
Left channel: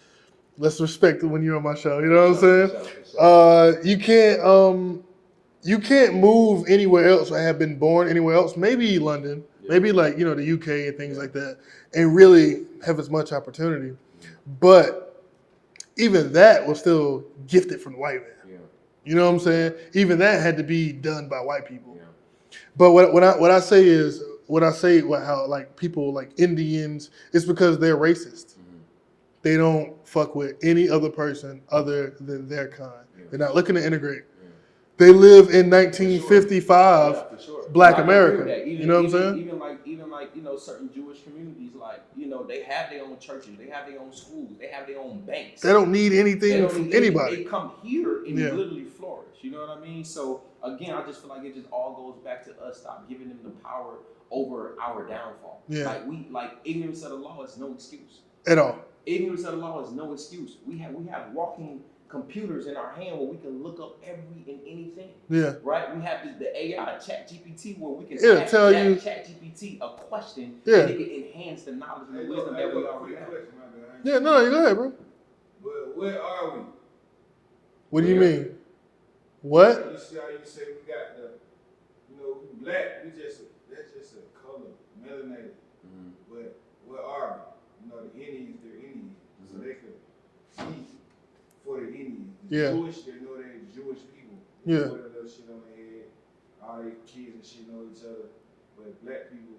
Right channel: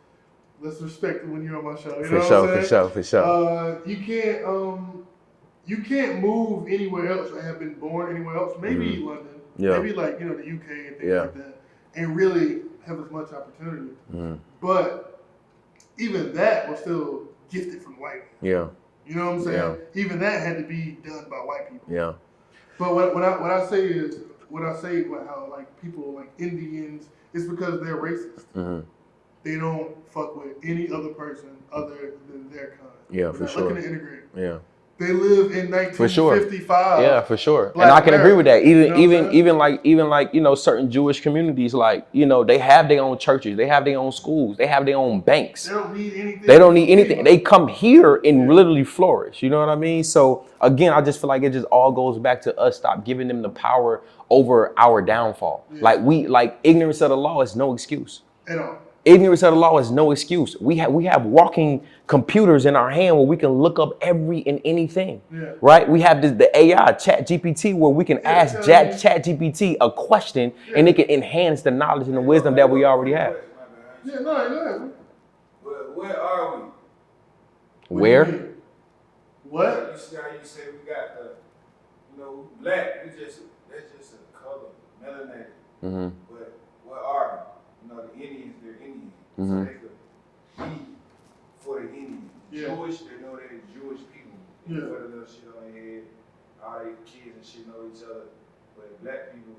Let's respect it when you're on my show. You know what I'm saying? For sure. You can't move anywhere else or have been born anywhere else. Maybe London, maybe like, you know, the UK and things like that, and really have as much opportunity. But even that was still gifted from the white man. Yeah. You know what I'm saying? Yeah. Even that had to be done by white people. Yeah. But what I say how like people like Indians, it's because they're racist. They don't fuck with any other person other than their kind. Yeah, they're not looking to integrate. Yeah. They live in 1955. Yeah, for sure. Black and I can America. agree with that. Even like, you know, certain Jewish communities, like, you know, they have their own churches, they have their own schools, they have their own banks. They don't need anything. Anybody. They come here and literally flourish. You know what I mean? So again, I just feel like it just all goes back to us stop giving them the power over our downfall. Yeah. Like ignorance of the law is no excuse. At all. Ignorance of the law is no excuse. We have walking computers in our hand where we can look up every and anything. Yeah. Right? We have the AI, Chat GPT, where we can ask Chat GPT a question and it can enhance the knowledge and the wisdom that we already have. Yeah, no, you go ahead, bro. Where are we? What do you mean? What? You see how you say we got the, black, that's just a color, melanated. Mm-hmm. But what are we? The Indians, they're Indians. Mm-hmm. So they could be for the Indians. Yeah. Jewish, they know they're Jewish people. Yeah. Put a little shit on their head. All their kids and shit know each other. But black people,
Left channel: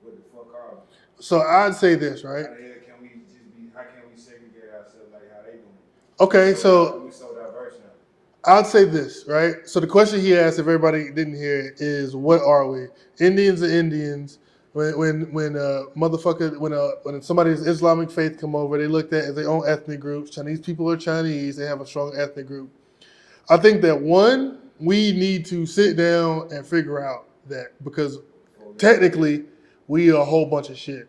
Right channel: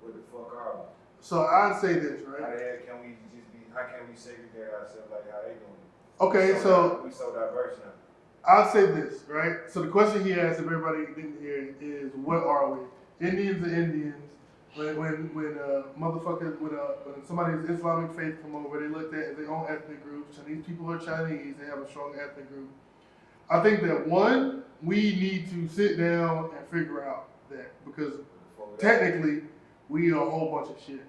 what the fuck are we? So I'd say this, right? How the hell can we just be, how can we segregate ourselves like how they doing it? Okay, We so diverse now. I'd say this, right? So the question he asked, if everybody didn't hear it, is what are we? Indians are Indians. When somebody's Islamic faith come over, they looked at as their own ethnic groups. Chinese people are Chinese. They have a strong ethnic group. I think that one, we need to sit down and figure out that, because technically we are a whole bunch of shit.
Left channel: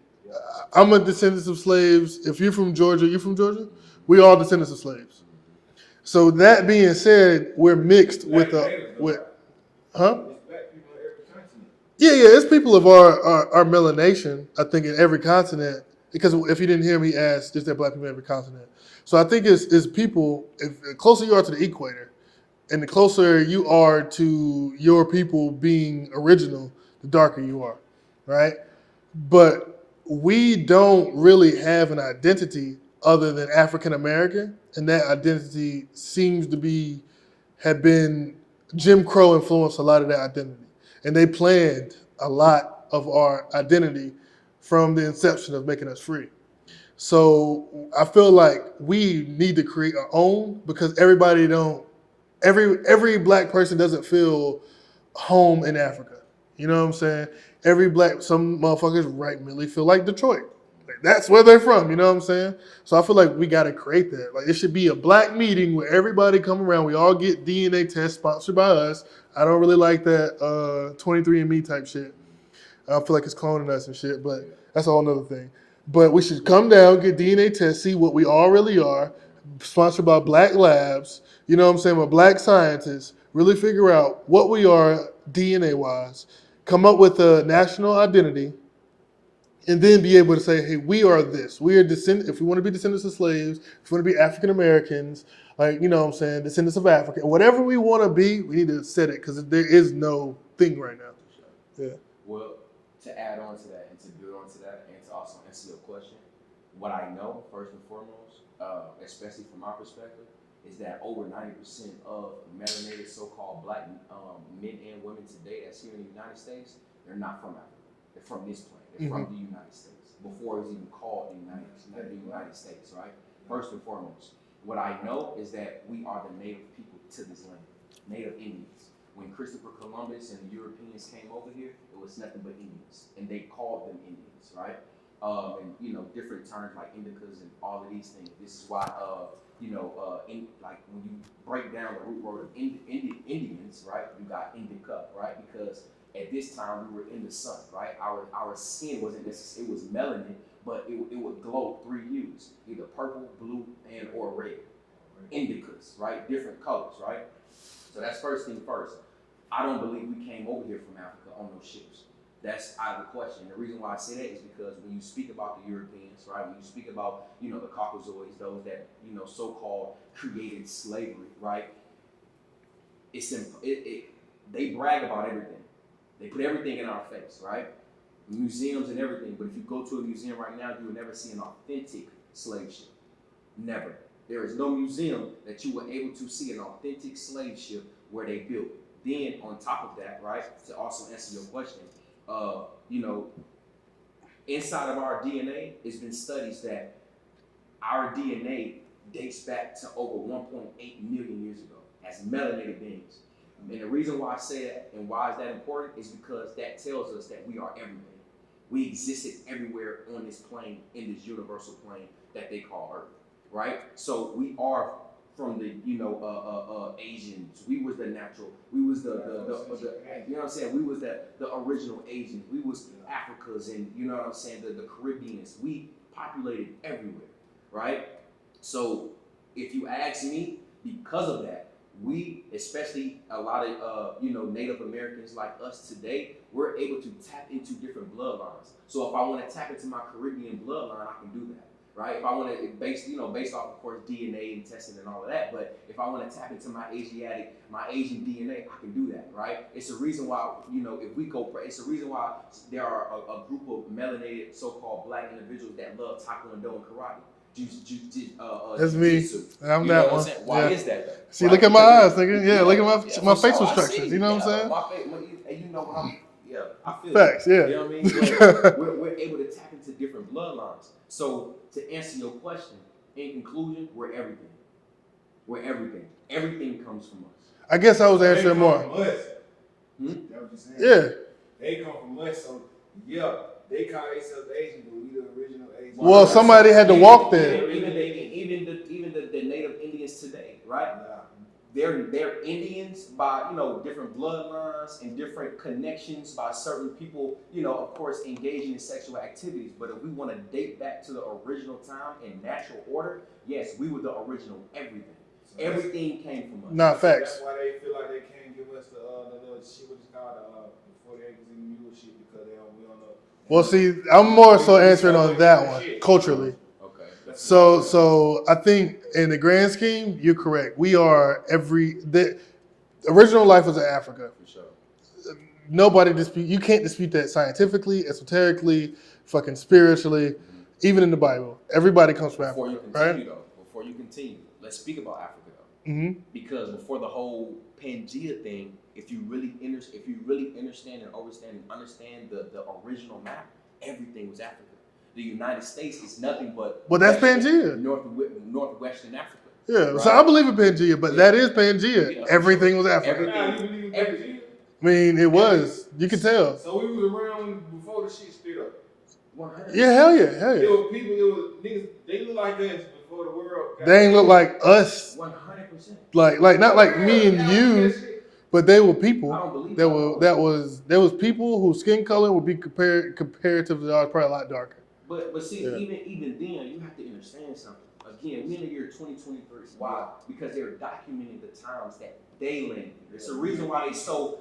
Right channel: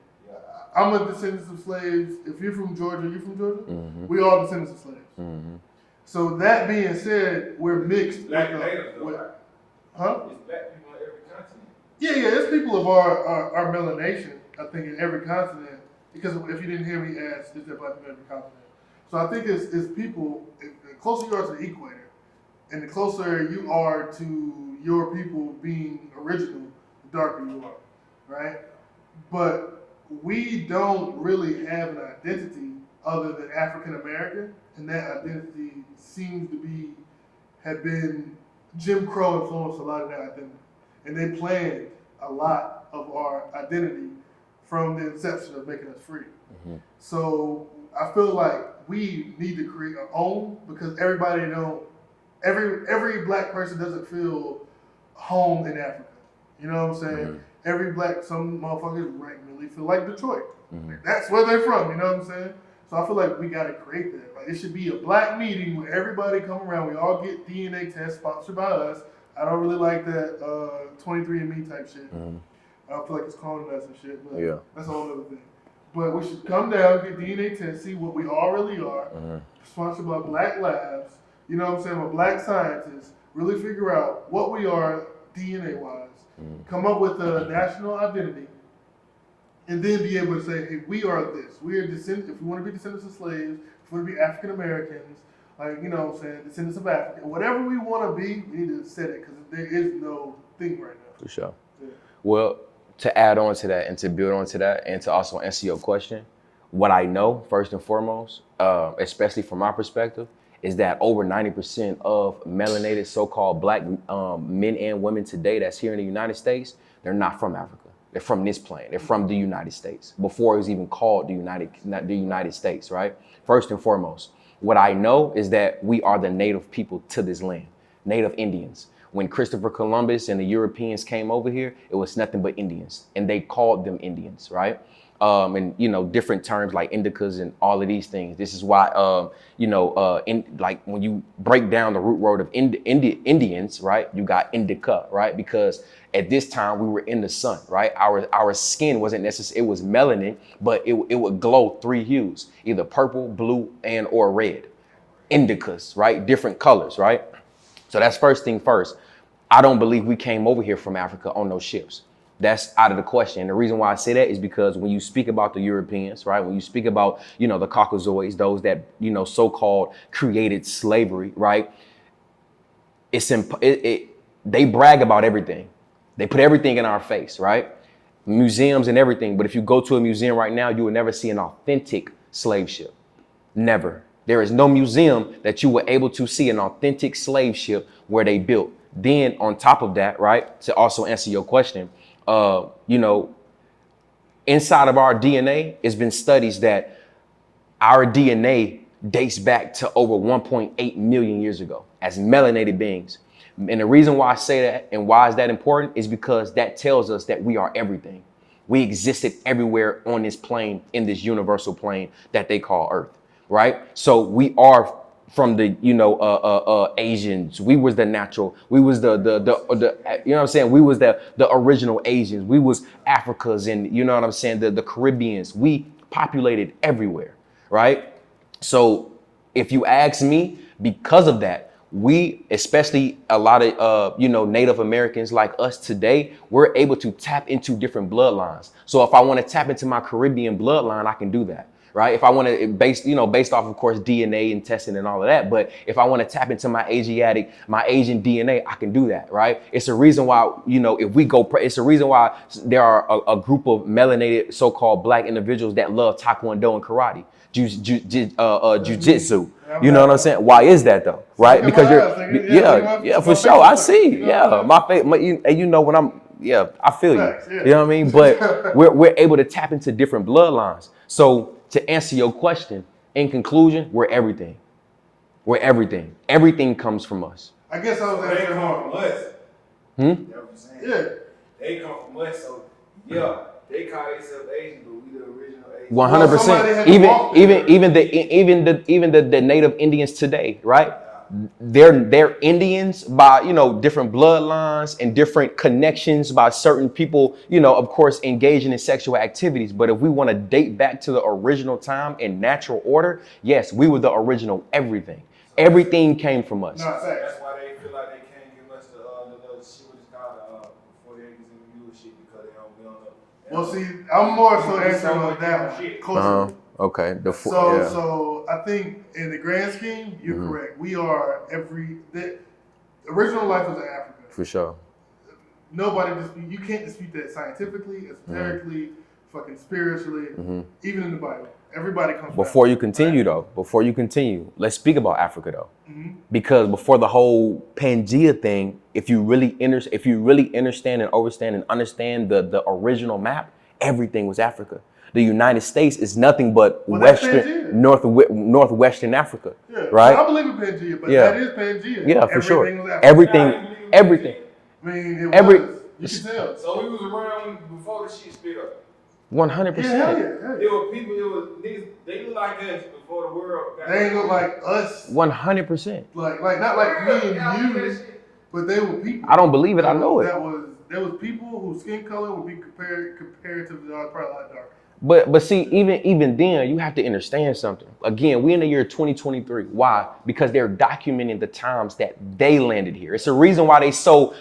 I'm a descendant of slaves. If you're from Georgia, you're from Georgia? Mm-hmm. We all descendants of slaves. Mm-hmm. So that being said, we're mixed huh? It's black people in every continent. Yeah, it's people of our melanation, I think, in every continent. Because if you didn't hear me ask, is there black people in every continent? So I think it's people, if the closer you are to the equator, and the closer you are to your people being original, the darker you are, right? But we don't really have an identity other than African American, and that identity seems to have been Jim Crow influenced a lot of that identity. And they planned a lot of our identity from the inception of making us free. Mm-hmm. So I feel like we need to create our own, because every black person doesn't feel home in Africa. You know what I'm saying? Mm-hmm. Some motherfuckers really feel like Detroit. Mm-hmm. That's where they're from, you know what I'm saying? So I feel like we got to create that. Like, it should be a black meeting where everybody come around. We all get DNA tests sponsored by us. I don't really like that 23andMe type shit. Mm-hmm. I feel like it's cloning us and shit, but that's a whole nother thing. But we should come down, get DNA tests, see what we all really are, sponsored by black labs, you know what I'm saying, by black scientists, really figure out what we are DNA-wise, come up with a national identity, and then be able to say, hey, we are this. We are descendants. If we want to be descendants of slaves, if we want to be African Americans, like, you know what I'm saying, descendants of Africa, whatever we want to be, we need to set it, because there is no thing right now. For sure. Yeah. Well, to add on to that and to build on to that and to also answer your question, what I know, first and foremost, especially from my perspective, is that over 90% of melanated so-called black men and women today that's here in the United States, they're not from Africa. They're from this plane. They're from the United States, before it was even called the United States, right? First and foremost, what I know is that we are the native people to this land, native Indians. When Christopher Columbus and the Europeans came over here, it was nothing but Indians, and they called them Indians, right? And different terms like indicas and all of these things. This is why like when you break down the root word of Indians, right? You got indica, right? Because at this time we were in the sun, right? Our skin wasn't necessary; it was melanin, but it would glow 3 hues, either purple, blue, and or red. Indicas, right? Different colors, right? So that's first thing first. I don't believe we came over here from Africa on those ships. That's out of the question. And the reason why I say that is because when you speak about the Europeans, right? When you speak about, the Caucasoids, those that, so-called created slavery, right? They brag about everything. They put everything in our face, right? Museums and everything. But if you go to a museum right now, you will never see an authentic slave ship. Never. There is no museum that you were able to see an authentic slave ship where they built. Then on top of that, right, to also answer your question, inside of our DNA, it's been studies that our DNA dates back to over 1.8 million years ago as melanated beings. And the reason why I say that and why is that important is because that tells us that we are everything. We existed everywhere on this plane, in this universal plane that they call Earth. Right? So we are from the, Asians. We was the natural, we was the you know what I'm saying? We was the original Asians. We was Africans and, you know what I'm saying? The Caribbeans. We populated everywhere, right? So if you ask me, because of that, we, especially a lot of, Native Americans like us today, we're able to tap into different bloodlines. So if I want to tap into my Caribbean bloodline, I can do that. right? If I want to based off, of course, DNA and testing and all of that. But if I want to tap into my Asian DNA, I can do that, right? It's a reason why, it's a reason why there are a group of melanated so-called black individuals that love Taekwondo and karate. Jiu-jitsu. You know what I'm saying? Why is that though? See, right? Look at my eyes, nigga. Look at my for sure. I see. You know what I'm saying? When I'm, I feel Facts, you. yeah. You know what I mean? But we're able to tap into different bloodlines. So to answer your question, in conclusion, we're everything. We're everything. Everything comes from us. I guess I was answering more. From us. Hmm? You know what I'm saying? Yeah. They come from us, so yeah, they call themselves Asian, but we the original Asian. 100%. Well, somebody had to walk there. Even the native Indians today, right? They're Indians by different bloodlines and different connections by certain people, of course, engaging in sexual activities. But if we want to date back to the original time in natural order, yes, we were the original everything. Everything came from us. Nah, facts. That's why they feel like they can't give us the shit what it's called before they acres in the mule shit because we don't know. Well, see, I'm more so answering on that one culturally. Okay. So I think in the grand scheme, you're correct. We are the original life was in Africa. For sure. Nobody you can't dispute that scientifically, esoterically, fucking spiritually, even in the Bible. Everybody comes from Before Africa, you continue, let's speak about Africa though. Because before the whole Pangea thing, if you really understand and understand the original map, everything was Africa. The United States is nothing but northwestern Africa. Yeah, right? So I believe in Pangea, but that is Pangea. Yeah, everything sure. was Africa. Everything. I mean, it was. You can tell. So we was around before the shit split up. 100%. Yeah, hell yeah. It was people, it was niggas, they look like us before the world. They ain't look like us. 100%. Like not like me and you, but they were people. I don't believe it. I know it. There was people whose skin color would be comparatively probably a lot darker. But see, even then, you have to understand something. Again, we're in the year 2023. Why? Because they're documenting the times that they landed here. It's a reason why they're so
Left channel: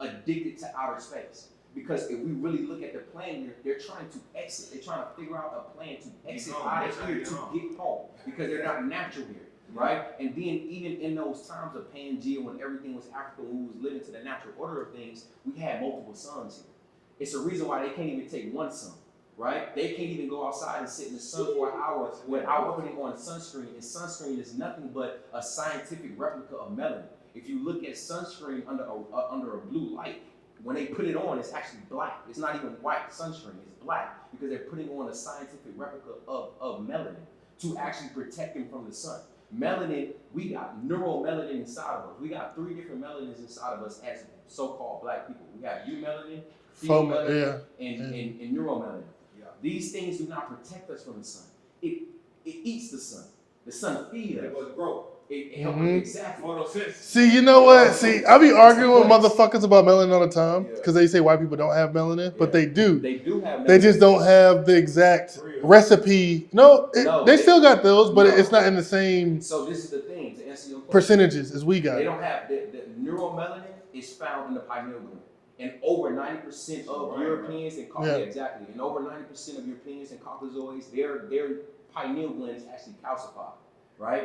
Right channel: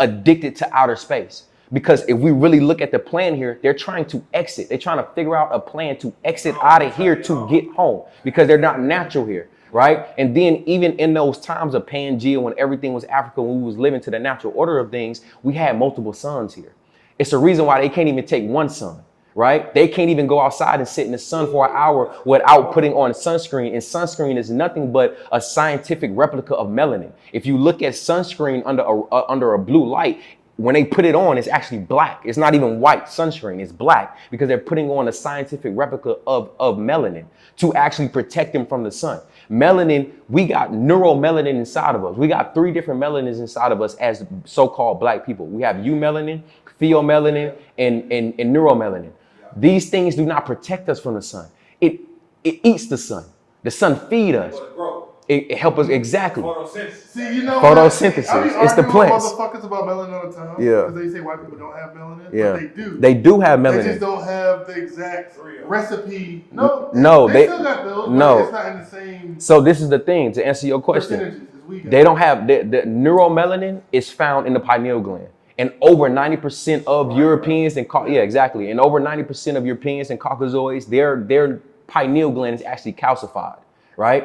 addicted to outer space. Because if we really look at the plan here, they're trying to exit. They're trying to figure out a plan to exit out of here to get home because they're not natural here. Right? And then even in those times of Pangea, when everything was Africa, when we was living to the natural order of things, we had multiple suns here. It's a reason why they can't even take one sun, right? They can't even go outside and sit in the sun for an hour without putting on sunscreen. And sunscreen is nothing but a scientific replica of melanin. If you look at sunscreen under a blue light, when they put it on, it's actually black. It's not even white sunscreen, it's black because they're putting on a scientific replica of melanin to actually protect them from the sun. Melanin, we got neuromelanin inside of us. We got 3 different melanins inside of us as so-called black people. We have eumelanin, pheomelanin, and neuromelanin. These things do not protect us from the sun. It eats the sun. The sun feeds us. It helps us exactly. See, you know what? See, I be arguing with plants. motherfuckers about melanin all the time. Yeah. Because they say white people don't have melanin, Yeah. but they do. They do have melanin. They just don't have the exact recipe. They still got those, but it's not in the same So this is the thing, to answer your question. percentages as we got. They don't have, the neuromelanin is found in the pineal gland. And over 90% of Europeans and and over 90% of Europeans and Caucasoids, their pineal gland is actually calcified, right?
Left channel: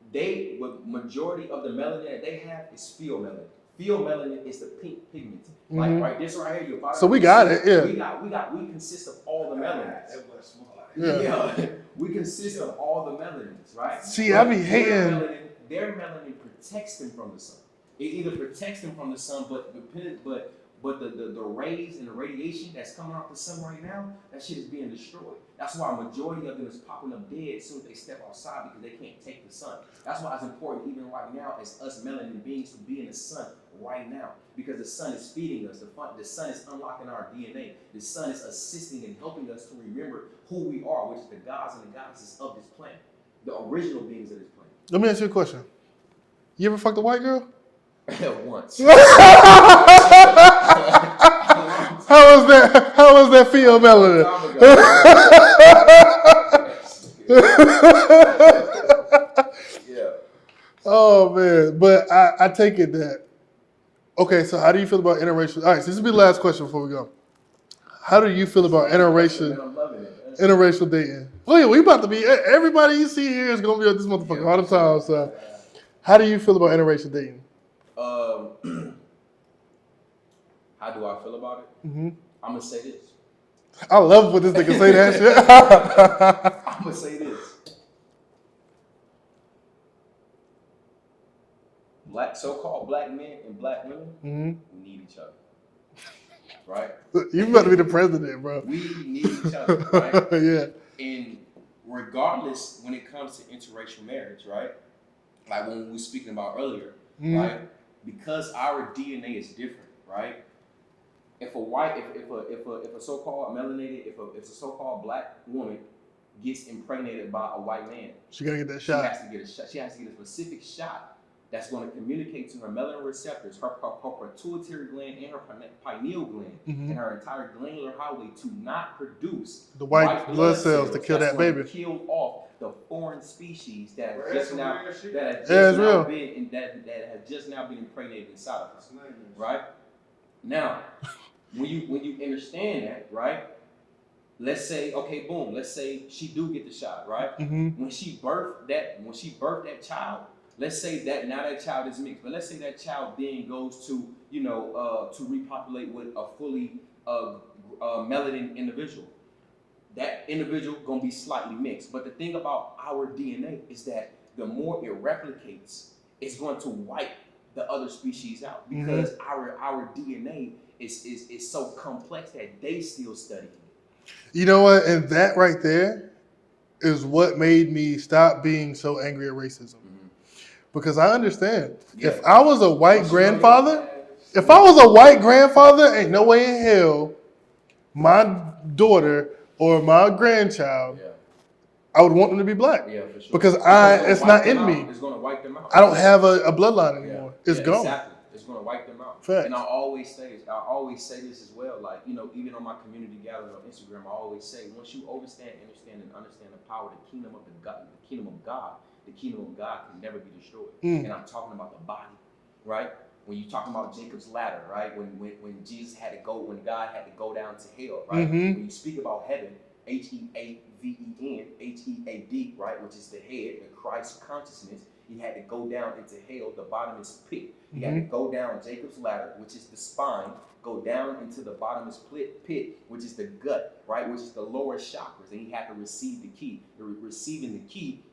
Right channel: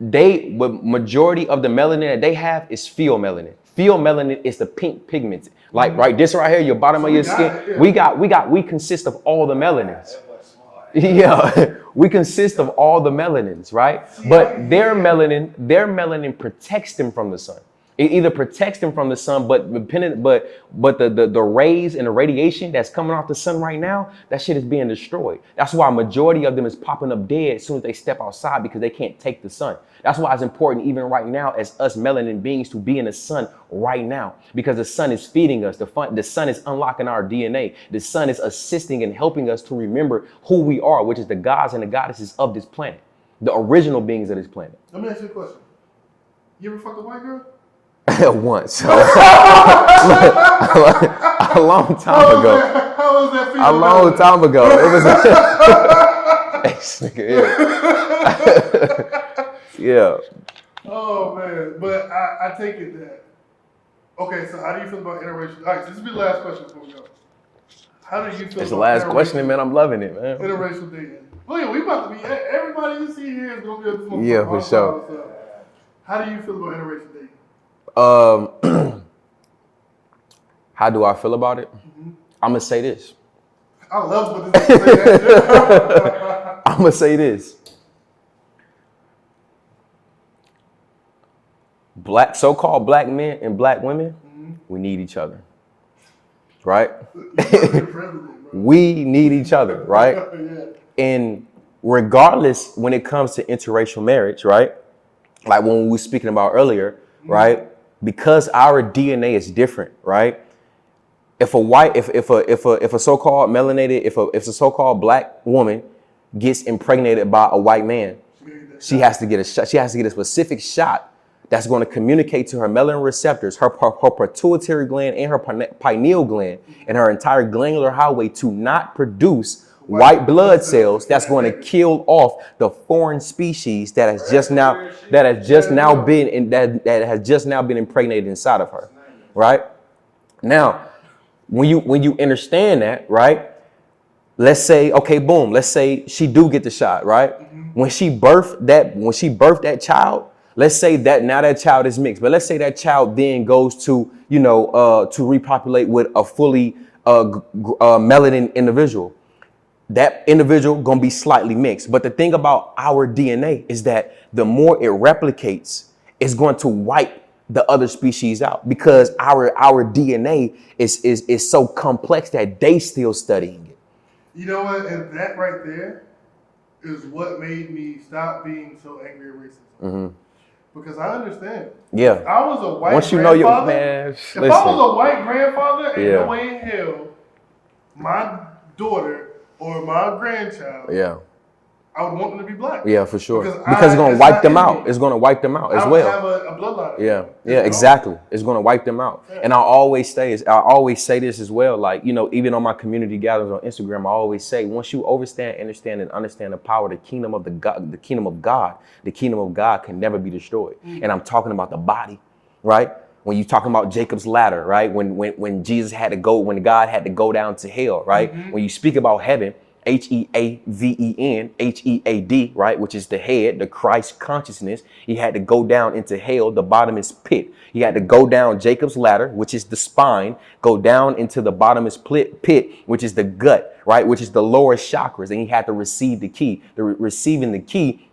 Majority of the melanin that they have is pheomelanin. Pheomelanin is the pink pigment. Like right, this right here, your bottom of your skin. We consist of all the melanins. Yeah, we consist of all the melanins, right? See, but their melanin protects them from the sun. It either protects them from the sun, but the rays and the radiation that's coming off the sun right now, that shit is being destroyed. That's why a majority of them is popping up dead as soon as they step outside because they can't take the sun. That's why it's important even right now as us melanin beings to be in the sun right now because the sun is feeding us. The sun is unlocking our DNA. The sun is assisting and helping us to remember who we are, which is the gods and the goddesses of this planet, the original beings of this planet. Let me ask you a question. You ever fucked a white girl? Once. A long time ago. How was that feel? A long time ago. Yeah. Oh man, but I take it that. Okay, so how do you feel about interracial? All right, so this will be the last question before we go. How do you feel That's the about last question, interracial, man. I'm loving it, man. interracial dating? Oh yeah, we about to be. Everybody you see here is gonna be on this motherfucker Yeah, all the for sure. time. So, how do you feel about interracial dating? How do I feel about it? I'm gonna say this. I love what this nigga say that shit. I'm gonna say this. So-called black men and black women, we need each other, right? You about to be the president, bro. We need each other, right? Yeah. And regardless, when it comes to interracial marriage, right? Like when we were speaking about earlier, right? Because our DNA is different, right? If a so-called melanated, if a so-called black woman gets impregnated by a white man, She gotta get that she shot. has to get a shot. She has to get a specific shot that's going to communicate to her melanin receptors, her pituitary gland and her pineal gland and her entire glandular highway to not produce white blood cells to kill that's that going to baby. kill off the foreign species that has just now been impregnated inside of her, right? Now, when you understand that, right? Let's say, okay, boom. Let's say she do get the shot, right? When she birthed that child, let's say that now that child is mixed, but let's say that child then goes to, to repopulate with a fully melanin individual. That individual gonna be slightly mixed. But the thing about our DNA is that the more it replicates, it's going to wipe the other species out because our DNA is so complex that they still studying it. You know what? And that right there is what made me stop being so angry at racism. Because I understand. Yeah. If I was a white Once you know your- grandfather, man, if I was a white grandfather, ain't Yeah. no way in hell my daughter or my grandchild, Yeah. I would want them to be black. Yeah, for sure. Because it's gonna it's wipe not them in out. me. It's gonna wipe them out. I as don't well. have a bloodline Yeah, anymore. It's gone. exactly. It's gonna wipe them out. Fact. And I always say this as well. Like, even on my community gatherings on Instagram, I always say, once you understand the power, the kingdom of God, the kingdom of God can never be destroyed. And I'm talking about the body, right? When you talking about Jacob's ladder, right? When Jesus had to go, when God had to go down to hell, right? When you speak about heaven, Heaven, Head, right? Which is the head, the Christ consciousness. He had to go down into hell, the bottomless pit. He had to go down Jacob's ladder, which is the spine, go down into the bottomless pit, which is the gut, right? Which is the lower chakras. And he had to receive the key. Receiving the key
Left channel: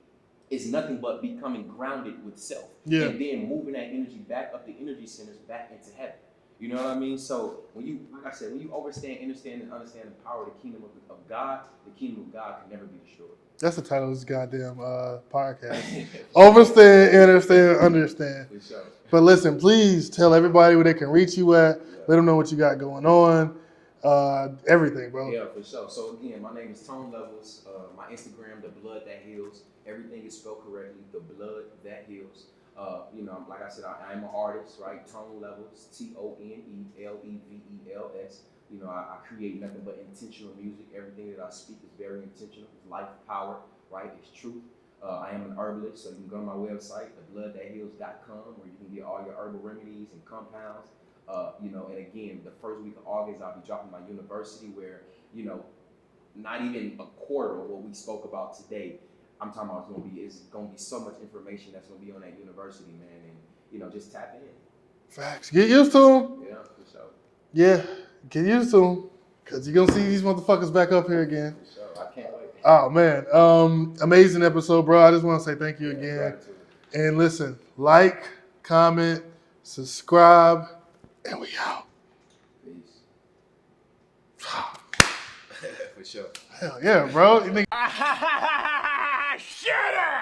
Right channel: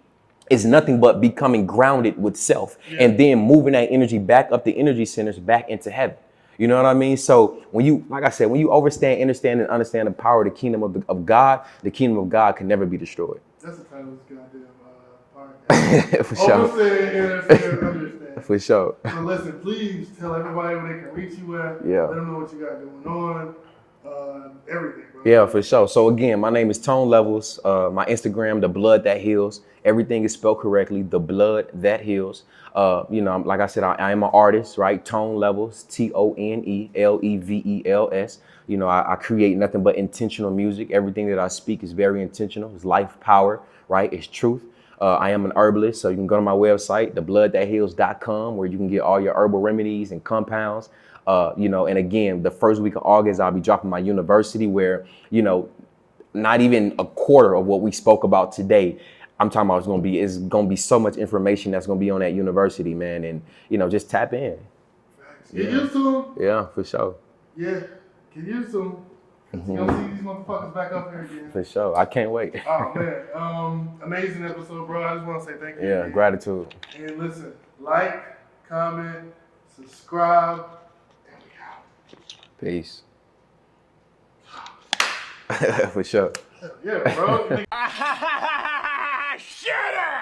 is nothing but becoming grounded with self and then moving that energy back up the energy centers back into heaven. You know what I mean? So when you, like I said, when you understand the power of the kingdom of God, the kingdom of God can never be destroyed. That's the title of this goddamn podcast. For sure. Overstand, understand, understand. For sure. But listen, please tell everybody where they can reach you at. Yeah. Let them know what you got going on. Everything, bro. Yeah, for sure. So again, my name is Tone Levels. My Instagram, The Blood That Heals. Everything is spelled correctly. The Blood That Heals. Like I said, I am an artist, right? Tone Levels, TONELEVELS. I create nothing but intentional music. Everything that I speak is very intentional. It's life, power, right? It's truth. I am an herbalist, so you can go to my website, thebloodthatheals.com, where you can get all your herbal remedies and compounds. And again, the first week of August, I'll be dropping my university where, not even a quarter of what we spoke about today. I'm talking about it's gonna be so much information that's gonna be on that university, man. And, just tap in. Facts. Get used to them. Yeah, for sure. Yeah, get used to them. Because you're going to see these motherfuckers back up here again. For sure. I can't wait. Oh, man. Amazing episode, bro. I just want to say thank you again. Gratitude. And listen, like, comment, subscribe, and we out. Peace. For sure. Hell yeah, bro. Shut up!